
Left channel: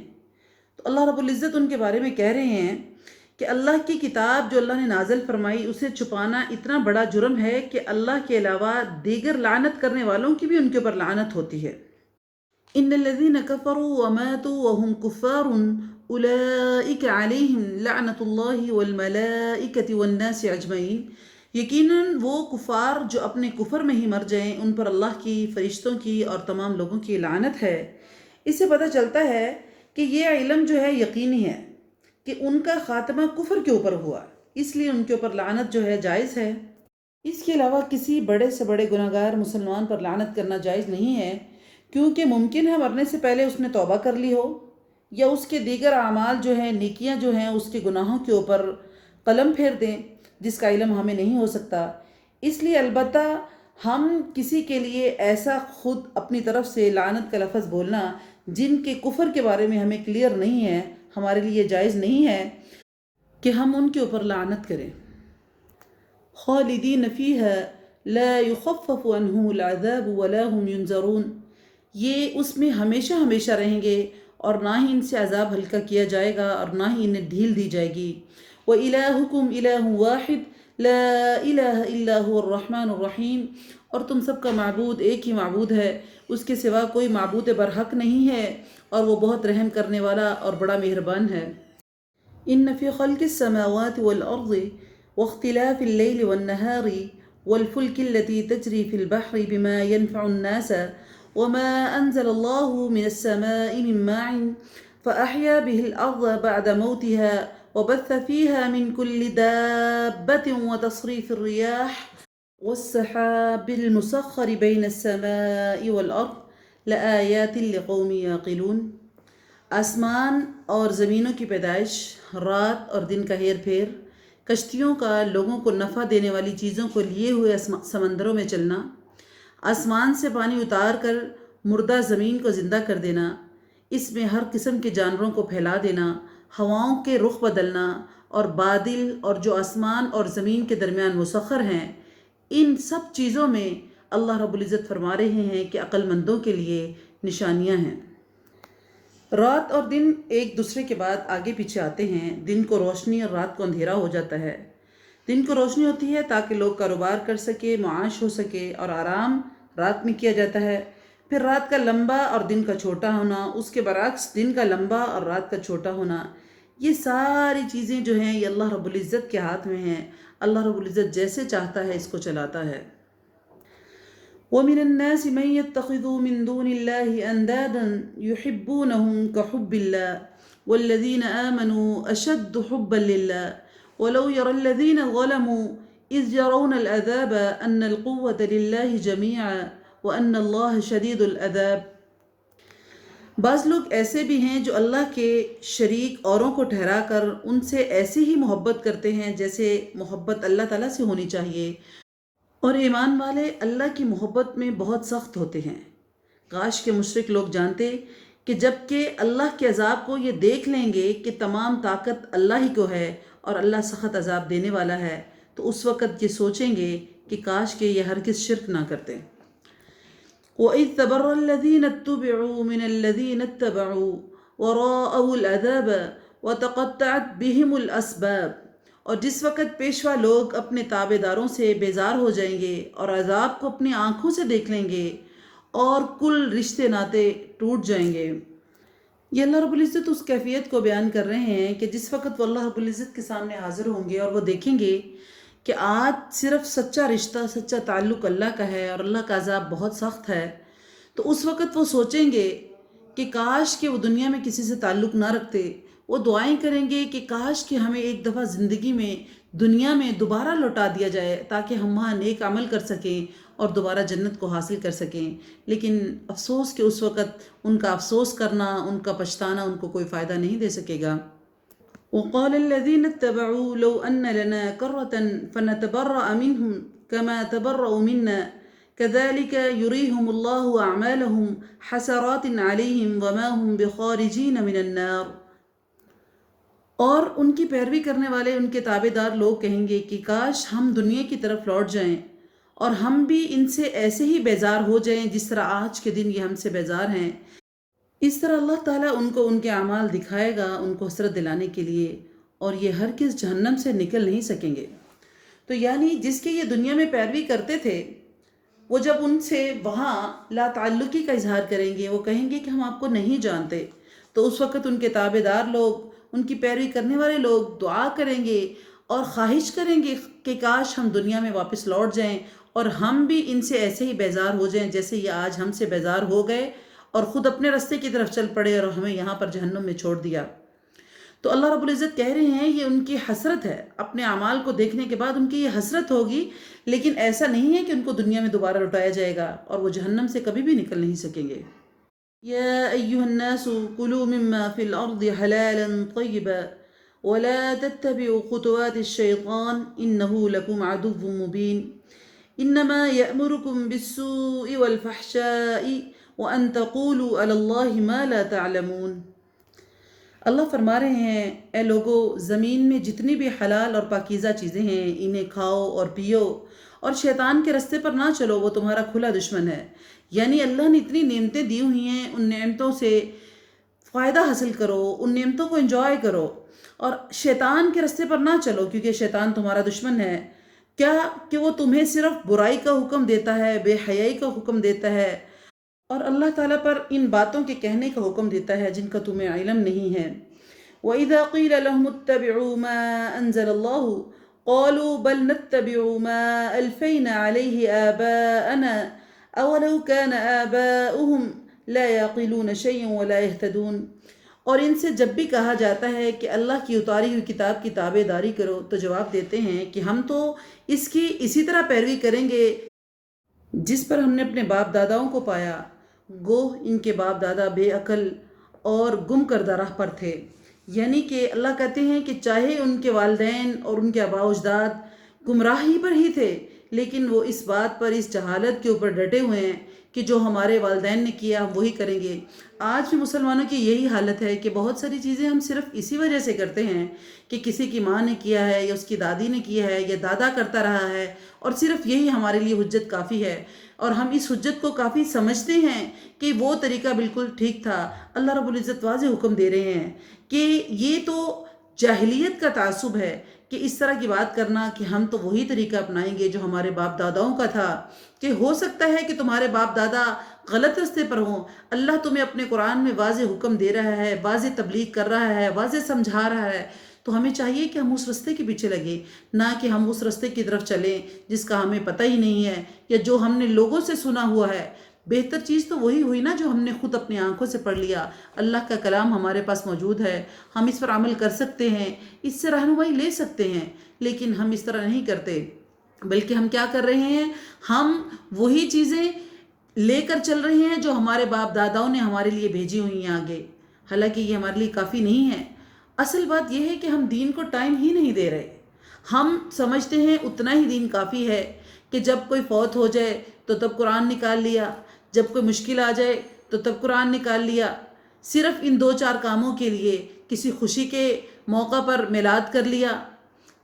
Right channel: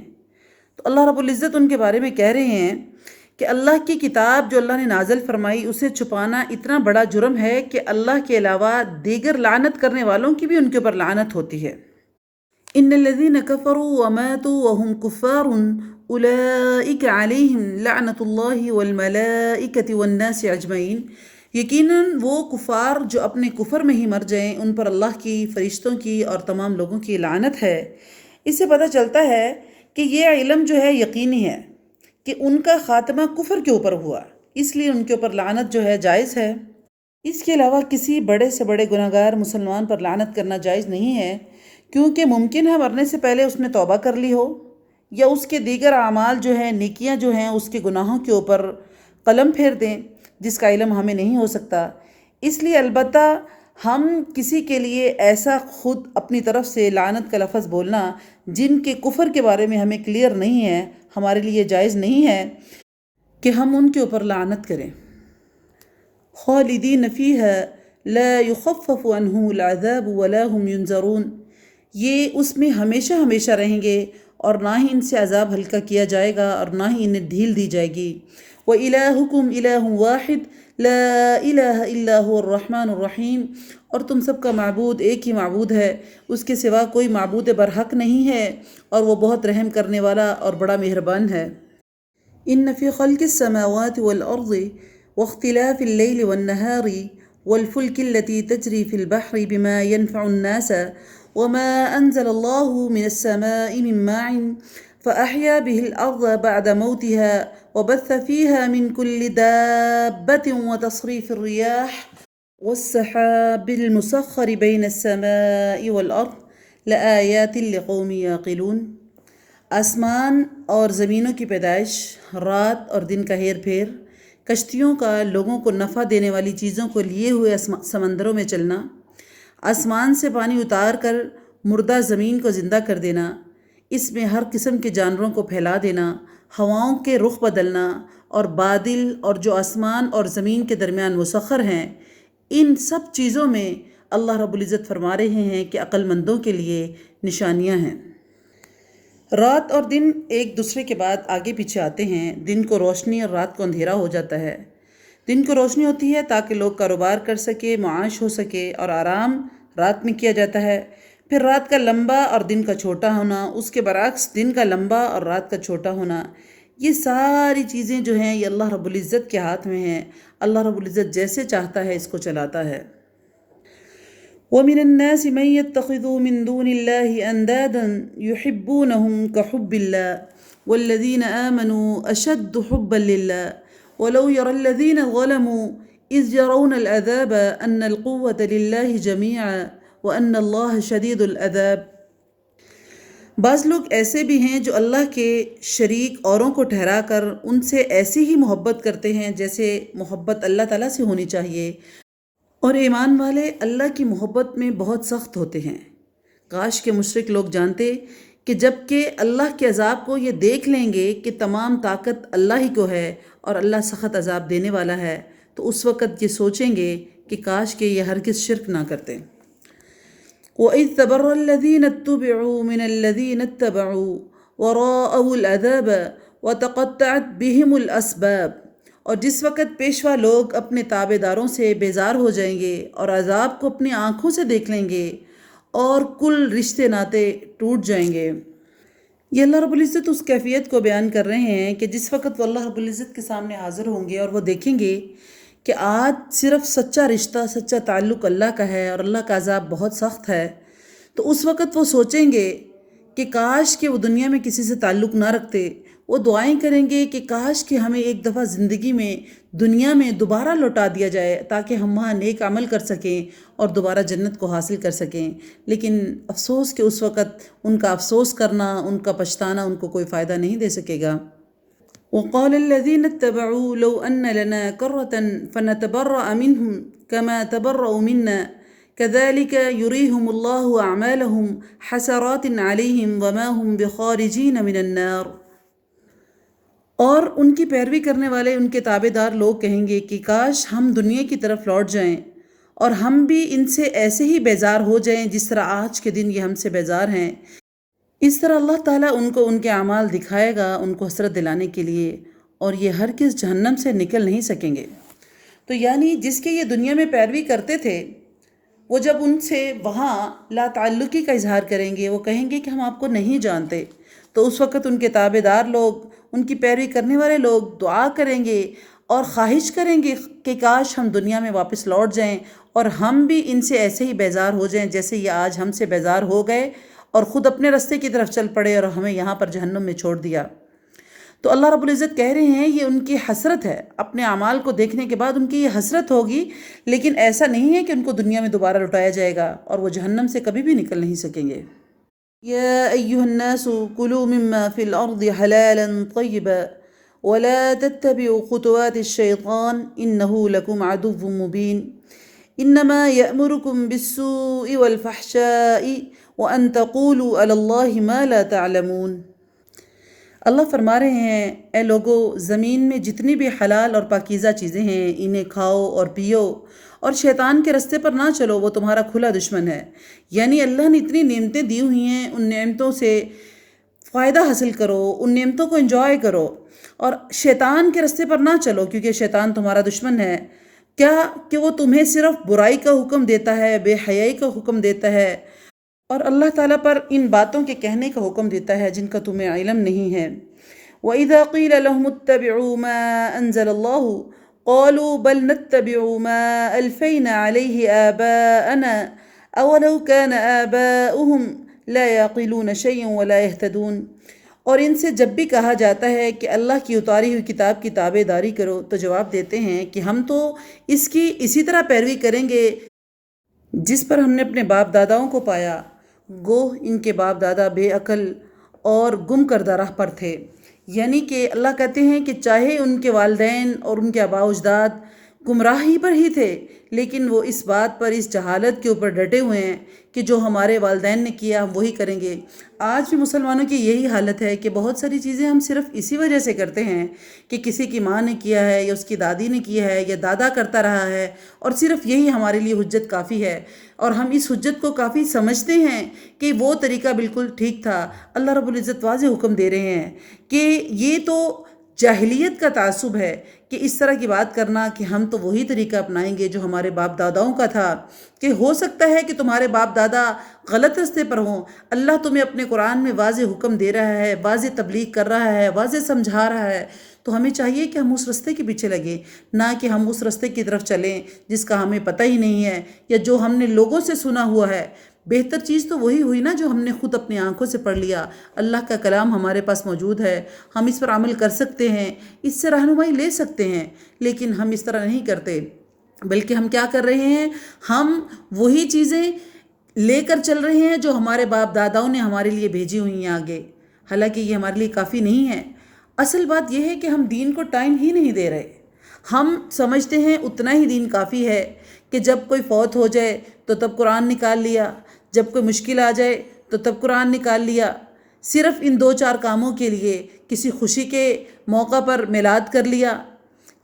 تو اللہ رب العزت ان کے بارے میں کہہ رہے ہیں کہ اللہ کی کتاب جو اللہ نے نازل فرمائی اسے چھپانا اتنا بڑا جرم ہے کہ اللہ کے علاوہ دیگر لعنت کرنے والوں کی بھی ان کے اوپر لعنت ہوتی ہے۔ ان الذین کفروا وماتوا وهم کفار اولئک علیہم لعنت اللہ والملائکۃ والناس اجمعین، یقیناً وہ کفار جو اپنے کفر میں ہی مر جائیں ان پر اللہ کی، فرشتوں کی اور تمام لوگوں کی لعنت ہے۔ اس سے پتہ چلتا ہے کہ یہ علم جو ہے یقینی ہے کہ ان کا خاتمہ کفر کے اوپر ہوا، اس لیے ان کے اوپر لعنت جو ہے جائز ہے۔ اس کے علاوہ کسی بڑے سے بڑے گناہگار مسلمان پر لعنت کرنا جائز نہیں ہے، کیونکہ ممکن ہے مرنے سے پہلے اس نے توبہ کر لی ہو، یا اس کے دیگر اعمال جو ہیں، نیکیاں جو ہیں، اس کے گناہوں کے اوپر قلم پھیر دیں، جس کا علم ہمیں نہیں ہو سکتا۔ اس لیے البتہ ہم کسی کے لیے ایسا خود اپنی طرف سے لعنت کا لفظ بولنا جن کے کفر کے بارے میں ہمیں کلیئر نہیں ہے، ہمارے لیے جائز نہیں ہے کہ ہم ان کے اوپر لعنت کریں۔ خالدین فیہا لا يخفف عنهم العذاب ولا هم ينظرون، یہ اس میں ہمیشہ ہمیشہ رہیں گے اور نہ ہی ان سے عذاب ہلکا کیا جائے گا اور نہ ہی انہیں ڈھیل دی جائے گی۔ وَإِلَٰهُكُمْ إِلَٰهٌ وَاحِدٌ لَا إِلَٰهَ إِلَّا هُوَ الرَّحْمَٰنُ الرَّحِيمُ، اور تم سب کا معبود ایک ہی معبود ہے، اس کے سوا کوئی معبود برحق نہیں ہے، اور وہ بہت رحم کرنے والا اور بڑا مہربان ہے۔ إِنَّ فِي خَلْقِ السَّمَاوَاتِ وَالْأَرْضِ وَاخْتِلَافِ اللَّيْلِ وَالنَّهَارِ وَالْفُلْكِ الَّتِي تَجْرِي فِي الْبَحْرِ بِمَا يَنْفَعُ النَّاسَ وَمَا أَنزَلَ اللَّهُ مِنَ السَّمَاءِ مِن مَّاءٍ فَأَحْيَا بِهِ الْأَرْضَ بَعْدَ مَوْتِهَا وبث فيها من كل دابة وتصريف الرياح والسحاب المسخر بين السماء والأرض لآيات لقوم يعقلون۔ آسمان اور زمینوں کی پیدائش، رات اور دن کا ہیر پھیر، کشتیوں کا لوگوں کو نفع دینے والی چیزوں کو لیے ہوئے سمندروں میں چلنا، آسمان سے پانی اتار کر مردہ زمین کو زندہ کر دینا، اس میں ہر قسم کے جانوروں کو پھیلا دینا، ہواؤں کے رخ بدلنا اور بادل اور جو آسمان اور زمین کے درمیان مسخر ہیں، ان سب چیزوں میں اللہ رب العزت فرما رہے ہیں کہ عقل مندوں کے لیے نشانیاں ہیں۔ رات اور دن ایک دوسرے کے بعد آگے پیچھے آتے ہیں، دن کو روشنی اور رات کو اندھیرا ہو جاتا ہے۔ دن کو روشنی ہوتی ہے تاکہ لوگ کاروبار کر سکے، معاش ہو سکے، اور آرام رات میں کیا جاتا ہے۔ پھر رات کا لمبا اور دن کا چھوٹا ہونا، اس کے برعکس دن کا لمبا اور رات کا چھوٹا ہونا، یہ ساری چیزیں جو ہیں یہ اللہ رب العزت کے ہاتھ میں ہیں۔ اللہ رب العزت جیسے چاہتا ہے اس کو چلاتا ہے۔ وَمِنَ النَّاسِ مَن يَتَّخِذُ مِن دُونِ اللَّهِ أَندَادًا يُحِبُّونَهُمْ كَحُبِّ اللَّهِ وَالَّذِينَ آمَنُوا أَشَدُّ حُبًّا لِلَّهِ وَلَوْ يَرَى الَّذِينَ ظَلَمُوا إِذْ يَرَوْنَ الْعَذَابَ أَنَّ الْقُوَّةَ لِلَّهِ جَمِيعًا وَأَنَّ اللَّهَ شَدِيدُ الْعَذَابِ۔ بعض لوگ ایسے بھی ہیں جو اللہ کے شریک اوروں کو ٹھہرا کر ان سے ایسی ہی محبت کرتے ہیں جیسے محبت اللہ تعالیٰ سے ہونی چاہیے، اور ایمان والے اللہ کی محبت میں بہت سخت ہوتے ہیں۔ کاش کے مشرک لوگ جانتے کہ جب کہ اللہ کے عذاب کو یہ دیکھ لیں گے کہ تمام طاقت اللہ ہی کو ہے اور اللہ سخت عذاب دینے والا ہے، تو اس وقت یہ سوچیں گے کہ کاش کہ یہ ہرگز شرک نہ کرتے۔ وَإِذْ تَبَرَّأَ الَّذِينَ اتُّبِعُوا مِنَ الَّذِينَ اتَّبَعُوا وَرَأَوُا الْعَذَابَ وَتَقَطَّعَتْ بِهِمُ الْأَسْبَابُ، اور جس وقت پیشوا لوگ اپنے تابع داروں سے بیزار ہو جائیں گے اور عذاب کو اپنی آنکھوں سے دیکھ لیں گے اور کل رشتے ناطے ٹوٹ جائیں گے۔ یہ اللہ رب العزت اس کیفیت کو بیان کر رہے ہیں کہ جس وقت وہ اللہ رب العزت کے سامنے حاضر ہوں گے اور وہ دیکھیں گے کہ آج صرف سچا رشتہ، سچا تعلق اللہ کا ہے اور اللہ کا عذاب بہت سخت ہے، تو اس وقت وہ سوچیں گے کہ کاش کہ وہ دنیا میں کسی سے تعلق نہ رکھتے۔ وہ دعائیں کریں گے کہ کاش کہ ہمیں ایک دفعہ زندگی میں دنیا میں دوبارہ لوٹا دیا جائے تاکہ ہم وہاں نیک عمل کر سکیں اور دوبارہ جنت کو حاصل کر سکیں، لیکن افسوس کہ اس وقت ان کا افسوس کرنا، ان کا پچھتانا ان کو کوئی فائدہ نہیں دے سکے گا۔ وقال الذين اتبعوا لو أن لنا كرة فنتبرأ منهم كما تبرأوا منا كذلك يريهم الله أعمالهم حسرات عليهم وما هم بخارجين من النار۔ اور ان کی پیروی کرنے والے ان کے تابع دار لوگ کہیں گے کہ کاش ہم دنیا کی طرف لوٹ جائیں اور ہم بھی ان سے ایسے ہی بیزار ہو جائیں جس طرح آج کے دن یہ ہم سے بیزار ہیں۔ اس طرح اللہ تعالیٰ ان کو ان کے اعمال دکھائے گا ان کو حسرت دلانے کے لیے، اور یہ ہرگز جہنم سے نکل نہیں سکیں گے۔ تو یعنی جس کے یہ دنیا میں پیروی کرتے تھے، وہ جب ان سے وہاں لا تعلقی کا اظہار کریں گے، وہ کہیں گے کہ ہم آپ کو نہیں جانتے، تو اس وقت ان کے تابع دار لوگ، ان کی پیروی کرنے والے لوگ دعا کریں گے اور خواہش کریں گے کہ کاش ہم دنیا میں واپس لوٹ جائیں اور ہم بھی ان سے ایسے ہی بیزار ہو جائیں جیسے یہ آج ہم سے بیزار ہو گئے اور خود اپنے راستے کی طرف چل پڑے اور ہمیں یہاں پر جہنم میں چھوڑ دیا۔ تو اللہ رب العزت کہہ رہے ہیں یہ ان کی حسرت ہے، اپنے اعمال کو دیکھنے کے بعد ان کی یہ حسرت ہوگی، لیکن ایسا نہیں ہے کہ ان کو دنیا میں دوبارہ لوٹایا جائے گا اور وہ جہنم سے کبھی بھی نکل نہیں سکیں گے۔ یا ایھا الناس کلوا مما فی الارض حلالا طیبا ولا تتبعوا خطوات الشیطان انہ لکم عدو مبین انما یأمرکم بالسوء والفحشاء وَأَن تَقُولُوا عَلَى اللَّهِ مَا لَا تَعْلَمُونَ۔ اللہ فرما رہے ہیں اے لوگو، زمین میں جتنی بھی حلال اور پاکیزہ چیزیں ہیں انہیں کھاؤ اور پیو، اور شیطان کے رستے پر نہ چلو، وہ تمہارا کھلا دشمن ہے۔ یعنی اللہ نے اتنی نعمتیں دی ہوئی ہیں، ان نعمتوں سے فائدہ حاصل کرو، ان نعمتوں کو انجوائے کرو، اور شیطان کے رستے پر نہ چلو کیونکہ شیطان تمہارا دشمن ہے۔ کیا کہ وہ تمہیں صرف برائی کا حکم دیتا ہے، بے حیائی کا حکم دیتا ہے، اور اللہ تعالیٰ پر ان باتوں کے کہنے کا حکم دیتا ہے جن کا تمہیں علم نہیں ہے۔ وَإِذَا قِيلَ لَهُمُ اتَّبِعُوا مَا أَنزَلَ اللَّهُ قَالُوا بَلْ نَتَّبِعُ مَا أَلْفَيْنَا عَلَيْهِ آبَاءَنَا أَوَلَوْ كَانَ آبَاؤُهُمْ لَا يَعْقِلُونَ شَيْئًا وَلَا يَهْتَدُونَ۔ اور ان سے جب بھی کہا جاتا ہے کہ اللہ کی اتاری ہوئی کتاب کی تابع داری کرو، تو جواب دیتے ہیں کہ ہم تو اس کی اسی طرح پیروی کریں گے جس پر ہم نے اپنے باپ داداؤں کو پایا، گوہ ان کے باپ دادا بے عقل اور گم کردہ راہ پر تھے۔ یعنی کہ اللہ کہتے ہیں کہ چاہے ان کے والدین اور ان کے آباء و اجداد گمراہی پر ہی تھے، لیکن وہ اس بات پر، اس جہالت کے اوپر ڈٹے ہوئے ہیں کہ جو ہمارے والدین نے کیا ہم وہی کریں گے۔ آج بھی مسلمانوں کی یہی حالت ہے کہ بہت ساری چیزیں ہم صرف اسی وجہ سے کرتے ہیں کہ کسی کی ماں نے کیا ہے یا اس کی دادی نے کیا ہے یا دادا کرتا رہا ہے، اور صرف یہی ہمارے لیے حجت کافی ہے، اور ہم اس حجت کو کافی سمجھتے ہیں کہ وہ طریقہ بالکل ٹھیک تھا۔ اللہ رب العزت واضح حکم دے رہے ہیں کہ یہ تو جاہلیت کا تعصب ہے کہ اس طرح کی بات کرنا کہ ہم تو وہی طریقہ اپنائیں گے جو ہمارے باپ داداؤں کا تھا، کہ ہو سکتا ہے کہ تمہارے باپ دادا غلط رستے پر ہوں۔ اللہ تمہیں اپنے قرآن میں واضح حکم دے رہا ہے، واضح تبلیغ کر رہا ہے، واضح سمجھا رہا ہے، تو ہمیں چاہیے کہ ہم اس رستے کے پیچھے لگیں، نہ کہ ہم اس رستے کی طرف چلیں جس کا ہمیں پتہ ہی نہیں ہے یا جو ہم نے لوگوں سے سنا ہوا ہے۔ بہتر چیز تو وہی ہوئی نا جو ہم نے خود اپنی آنکھوں سے پڑھ لیا۔ اللہ کا کلام ہمارے پاس موجود ہے، ہم اس پر عمل کر سکتے ہیں، اس سے رہنمائی لے سکتے ہیں، لیکن ہم اس طرح نہیں کرتے، بلکہ ہم کیا کر رہے ہیں؟ ہم وہی چیزیں لے کر چل رہے ہیں جو ہمارے باپ داداؤں نے ہمارے لیے بھیجی ہوئی ہیں آگے، حالانکہ یہ ہمارے لیے کافی نہیں ہے۔ اصل بات یہ ہے کہ ہم دین کو ٹائم ہی نہیں دے رہے۔ ہم سمجھتے ہیں اتنا ہی دین کافی ہے کہ جب کوئی فوت ہو جائے تو تب قرآن نکال لیا، جب کوئی مشکل آ جائے تو تب قرآن نکال لیا، صرف ان 2-4 کاموں کے لیے، کسی خوشی کے موقع پر میلاد کر لیا،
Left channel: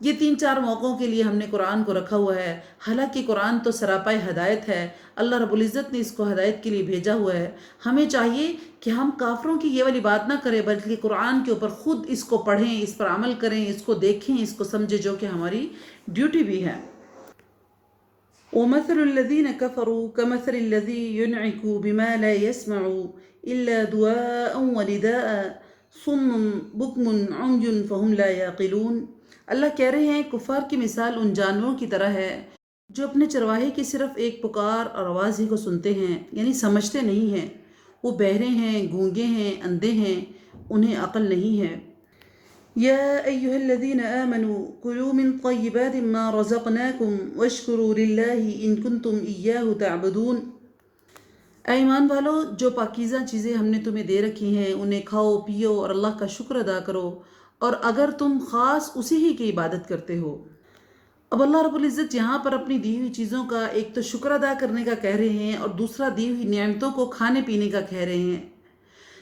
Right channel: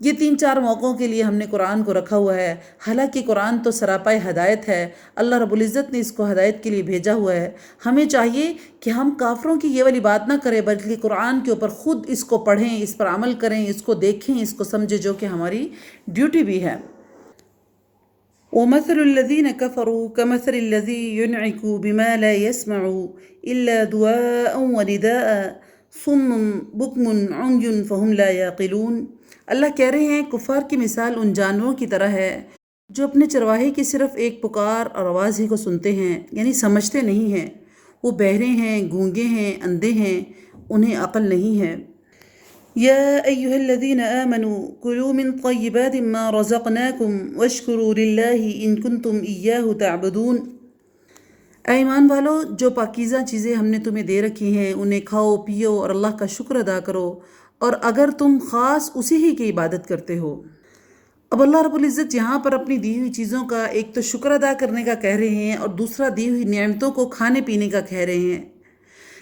یہ 3-4 موقعوں کے لیے ہم نے قرآن کو رکھا ہوا ہے، حالانکہ قرآن تو سراپا ہدایت ہے۔ اللہ رب العزت نے اس کو ہدایت کے لیے بھیجا ہوا ہے۔ ہمیں چاہیے کہ ہم کافروں کی یہ والی بات نہ کریں، بلکہ قرآن کے اوپر خود اس کو پڑھیں، اس پر عمل کریں، اس کو دیکھیں، اس کو سمجھیں، جو کہ ہماری ڈیوٹی بھی ہے۔ وَمَثَلُ الَّذِينَ كَفَرُوا كَمَثَلِ الَّذِي يُنْعِكُ بِمَا لَا يَسْمَعُ إِلَّا دُعَاءً وَنِدَاءً صُمٌّ بُكْمٌ عُمْيٌ فَهُمْ لَا يَعْقِلُونَ۔ اللہ کہہ رہے ہیں کفار کی مثال ان جانوروں کی طرح ہے جو اپنے چرواہے کی صرف ایک پکار اور آواز ہی کو سنتے ہیں، یعنی سمجھتے نہیں ہیں۔ وہ بہرے ہیں، گونگے ہیں، اندھے ہیں، انہیں عقل نہیں ہے۔ یا ایہا الذین آمنوا کلوا من طیبات ما رزقناکم واشکروا للہ ان کنتم ایاہ تعبدون۔ اے ایمان والو، جو پاکیزہ چیزیں ہم نے تمہیں دے رکھی ہیں انہیں کھاؤ پیو اور اللہ کا شکر ادا کرو، اور اگر تم خاص اسی ہی کی عبادت کرتے ہو۔ اب اللہ رب العزت یہاں پر اپنی دی ہوئی چیزوں کا ایک تو شکر ادا کرنے کا کہہ رہے ہیں، اور دوسرا دی ہوئی نعمتوں کو کھانے پینے کا کہہ رہے ہیں،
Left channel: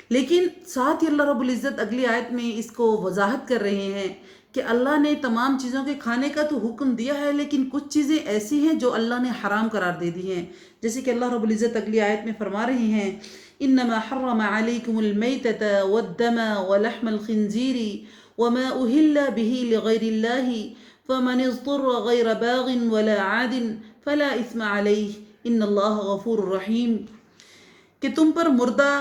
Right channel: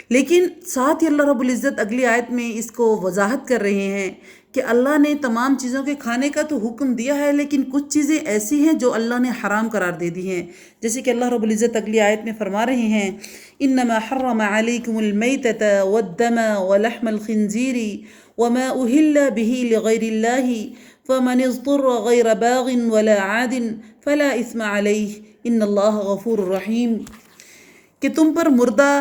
لیکن ساتھ ہی اللہ رب العزت اگلی آیت میں اس کو وضاحت کر رہے ہیں کہ اللہ نے تمام چیزوں کے کھانے کا تو حکم دیا ہے، لیکن کچھ چیزیں ایسی ہیں جو اللہ نے حرام قرار دے دی ہیں، جیسے کہ اللہ رب العزت اگلی آیت میں فرما رہے ہیں انما حرم علیکم المیتۃ والدم ولحم الخنزیر وما اہل به لغیر اللہ فمن اضطر غیر باغ ولا عاد فلا اثم علیہ ان اللہ غفور رحیم، کہ تم پر مردہ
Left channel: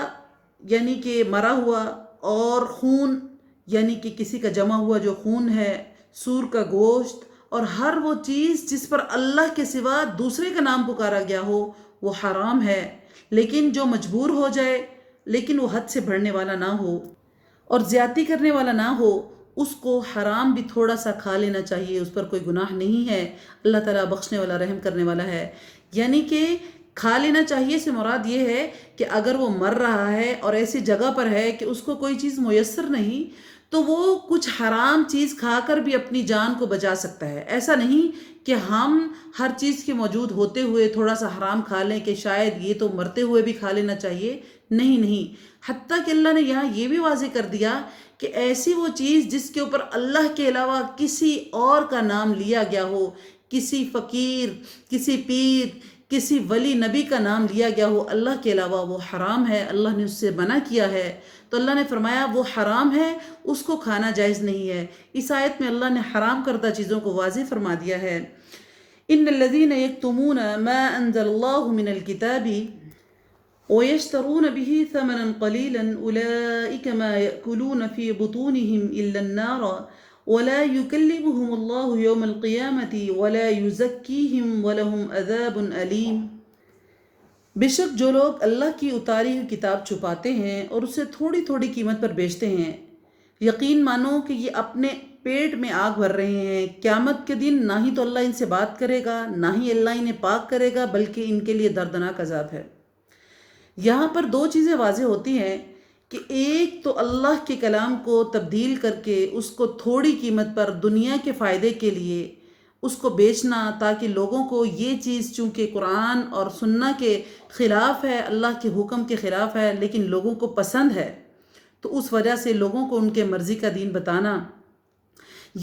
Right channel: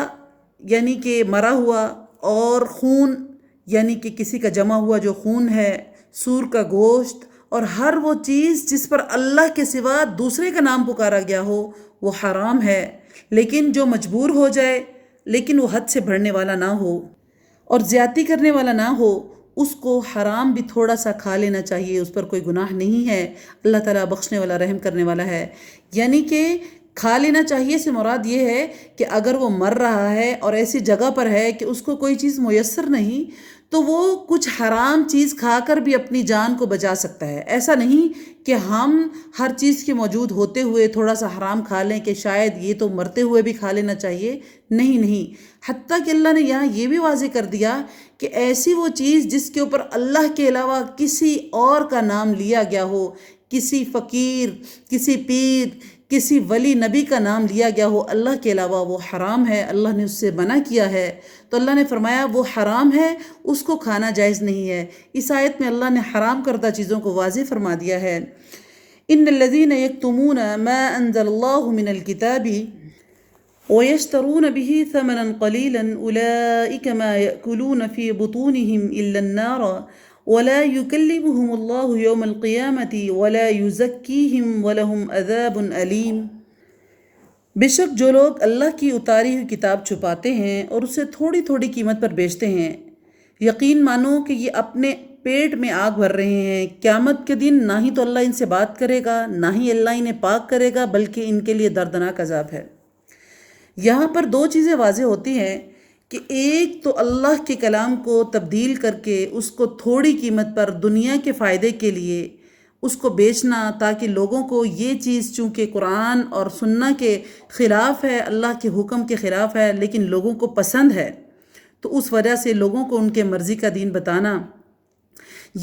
یعنی کہ مرا ہوا، اور خون یعنی کہ کسی کا جمع ہوا جو خون ہے، سور کا گوشت، اور ہر وہ چیز جس پر اللہ کے سوا دوسرے کا نام پکارا گیا ہو وہ حرام ہے، لیکن جو مجبور ہو جائے لیکن وہ حد سے بڑھنے والا نہ ہو اور زیادتی کرنے والا نہ ہو، اس کو حرام بھی تھوڑا سا کھا لینا چاہیے، اس پر کوئی گناہ نہیں ہے۔ اللہ تعالیٰ بخشنے والا، رحم کرنے والا ہے۔ یعنی کہ کھا لینا چاہیے سے مراد یہ ہے کہ اگر وہ مر رہا ہے اور ایسی جگہ پر ہے کہ اس کو کوئی چیز میسر نہیں، تو وہ کچھ حرام چیز کھا کر بھی اپنی جان کو بچا سکتا ہے۔ ایسا نہیں کہ ہم ہر چیز کے موجود ہوتے ہوئے تھوڑا سا حرام کھا لیں کہ شاید یہ تو مرتے ہوئے بھی کھا لینا چاہیے، نہیں۔ حتیٰ کہ اللہ نے یہاں یہ بھی واضح کر دیا کہ ایسی وہ چیز جس کے اوپر اللہ کے علاوہ کسی اور کا نام لیا گیا ہو، کسی فقیر، کسی پیر، کسی ولی نبی کا نام لیا گیا ہو اللہ کے علاوہ، وہ حرام ہے، اللہ نے اس سے منع کیا ہے۔ تو اللہ نے فرمایا وہ حرام ہے، اس کو کھانا جائز نہیں ہے۔ اس آیت میں اللہ نے حرام کردہ چیزوں کو واضح فرما دیا ہے۔ ان الذین یکتمون ما انزل اللہ من الکتاب وَيَشْتَرُونَ بِهِ ثَمَنًا قَلِيلًا أُولَئِكَ مَا يَأْكُلُونَ فِي بُطُونِهِمْ إِلَّا النَّارَ وَلَا يُكَلِّمُهُمُ اللَّهُ يَوْمَ الْقِيَامَةِ وَلَا يُزَكِّيهِمْ وَلَهُمْ عَذَابٌ أَلِيمٌ۔ بے شک جو لوگ اللہ کی اتاری ہوئی کتاب چھپاتے ہیں اور اسے تھوڑی تھوڑی قیمت پر بیچتے ہیں، یقین مانو کہ یہ اپنے پیٹ میں آگ بھر رہے ہیں۔ قیامت کے دن نہ ہی تو اللہ ان سے بات کرے گا، نہ ہی اللہ انہیں پاک کرے گا، بلکہ ان کے لیے دردناک عذاب ہے۔ یہاں پر دو چیزیں واضح ہوتی ہیں کہ ایک تو اللہ کے کلام کو تبدیل کر کے اس کو تھوڑی قیمت پر دنیا کے فائدے کے لیے اس کو بیچنا، تاکہ لوگوں کو یہ چیز چونکہ قرآن اور سنہ کے خلاف ہے، اللہ کے حکم کے خلاف ہے، لیکن لوگوں کو پسند ہے، تو اس وجہ سے لوگوں کو ان کے مرضی کا دین بتانا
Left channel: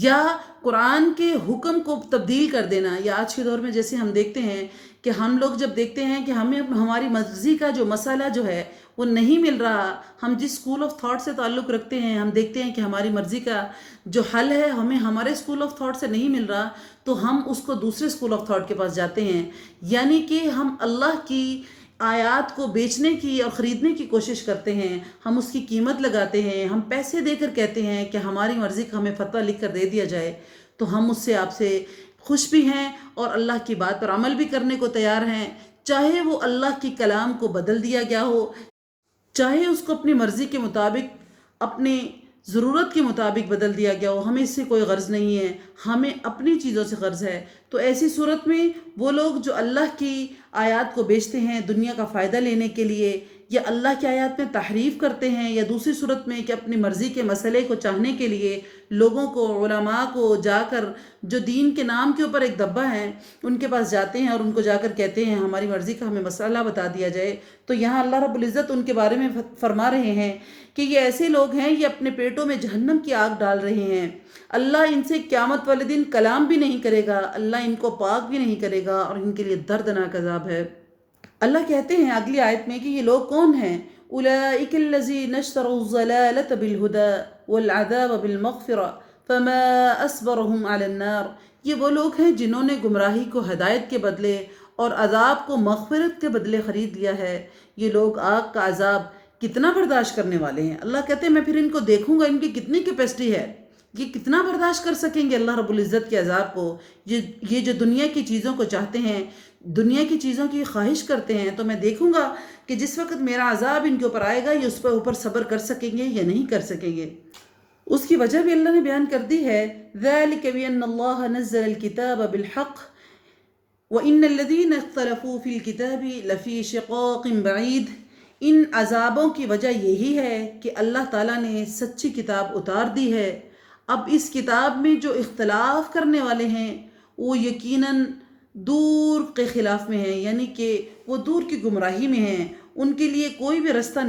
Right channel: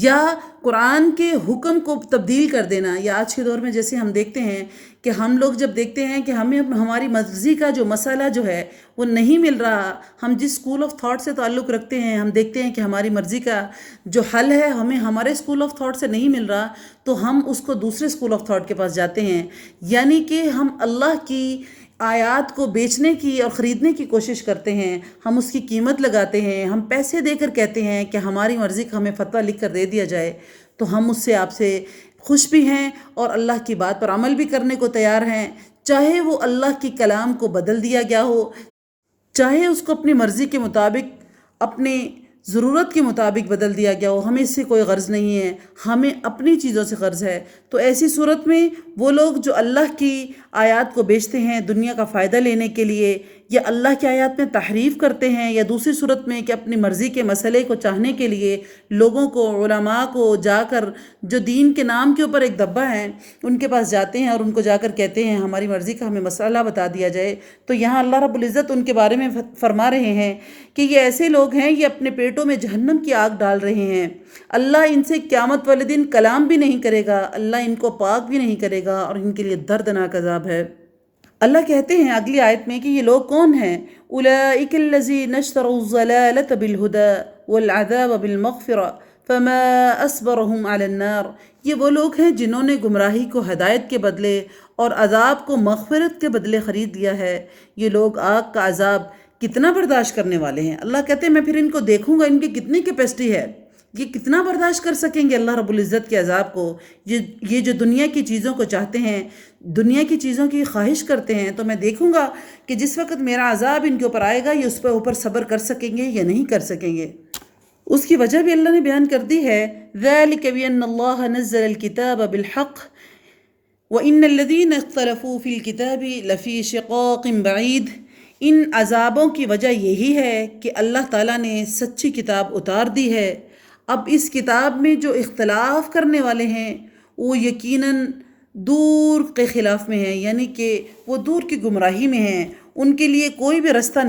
یا قرآن کے حکم کو تبدیل کر دینا۔ یا آج کے دور میں جیسے ہم دیکھتے ہیں کہ ہم لوگ جب دیکھتے ہیں کہ ہمیں ہماری مرضی کا جو مسئلہ جو ہے وہ نہیں مل رہا، ہم جس اسکول آف تھاٹ سے تعلق رکھتے ہیں، ہم دیکھتے ہیں کہ ہماری مرضی کا جو حل ہے ہمیں ہمارے اسکول آف تھاٹ سے نہیں مل رہا، تو ہم اس کو دوسرے اسکول آف تھاٹ کے پاس جاتے ہیں، یعنی کہ ہم اللہ کی آیات کو بیچنے کی اور خریدنے کی کوشش کرتے ہیں، ہم اس کی قیمت لگاتے ہیں، ہم پیسے دے کر کہتے ہیں کہ ہماری مرضی کا ہمیں فتویٰ لکھ کر دے دیا جائے، تو ہم اس سے آپ سے خوش بھی ہیں اور اللہ کی بات پر عمل بھی کرنے کو تیار ہیں، چاہے وہ اللہ کی کلام کو بدل دیا گیا ہو، چاہے اس کو اپنی مرضی کے مطابق، اپنے ضرورت کے مطابق بدل دیا گیا ہو، ہمیں اس سے کوئی غرض نہیں ہے، ہمیں اپنی چیزوں سے غرض ہے۔ تو ایسی صورت میں وہ لوگ جو اللہ کی آیات کو بیچتے ہیں دنیا کا فائدہ لینے کے لیے، یا اللہ کی آیات میں تحریف کرتے ہیں، یا دوسری صورت میں کہ اپنی مرضی کے مسئلے کو چاہنے کے لیے لوگوں کو، علماء کو جا کر، جو دین کے نام کے اوپر ایک دبا ہے، ان کے پاس جاتے ہیں اور ان کو جا کر کہتے ہیں ہماری مرضی کا ہمیں مسئلہ بتا دیا جائے، تو یہاں اللہ رب العزت ان کے بارے میں فرما رہے ہیں کہ یہ ایسے لوگ ہیں، یہ اپنے پیٹوں میں جہنم کی آگ ڈال رہے ہیں۔ اللہ ان سے قیامت والے دن کلام بھی نہیں کرے گا، اللہ ان کو پاک بھی نہیں کرے گا، اور ان کے لیے دردناک عذاب ہے۔ اللہ کہتے ہیں اگلی آیت میں کہ یہ لوگ کون ہیں؟ اولئک الذین اشتروا الضلالۃ بالہدی والعذاب بالمغفرۃ فما اصبرهم علی النار۔ یہ وہ لوگ ہیں جنہوں نے گمراہی کو ہدایت کے بدلے اور عذاب کو مغفرت کے بدلے خرید لیا ہے۔ یہ لوگ آگ کا عذاب کتنا برداشت کرنے والے ہیں۔ اللہ کہتے ہیں میں پھر ان کو دیکھوں گا ان کی کتنی کیپیسٹی ہے، یہ کتنا برداشت کر سکیں گے اللہ رب العزت کے عذاب کو۔ یہ جو دنیا کی چیزوں کو چاہتے ہیں، دنیا کی چیزوں کی خواہش کرتے ہیں، تو میں دیکھوں گا کہ جس وقت میرا عذاب ان کے اوپر آئے گا یہ اس پر اوپر صبر کر سکیں گے یا نہیں کر سکیں گے۔ اس کی وجہ بھی اللہ نے بیان کر دی ہے، ذَلِكَ بِأَنَّ اللَّهَ نَزَّلَ الْكِتَابَ بِالْحَقِّ وَإِنَّ الَّذِينَ اخْتَلَفُوا فِي الْكِتَابِ لَفِي شِقَاقٍ بَعِيدٍ۔ ان عذابوں کی وجہ یہی ہے کہ اللہ تعالیٰ نے سچی کتاب اتار دی ہے، اب اس کتاب میں جو اختلاف کرنے والے ہیں وہ یقیناً دور کے خلاف میں ہیں، یعنی کہ وہ دور کی گمراہی میں ہیں، ان کے لیے کوئی بھی رستہ نہیں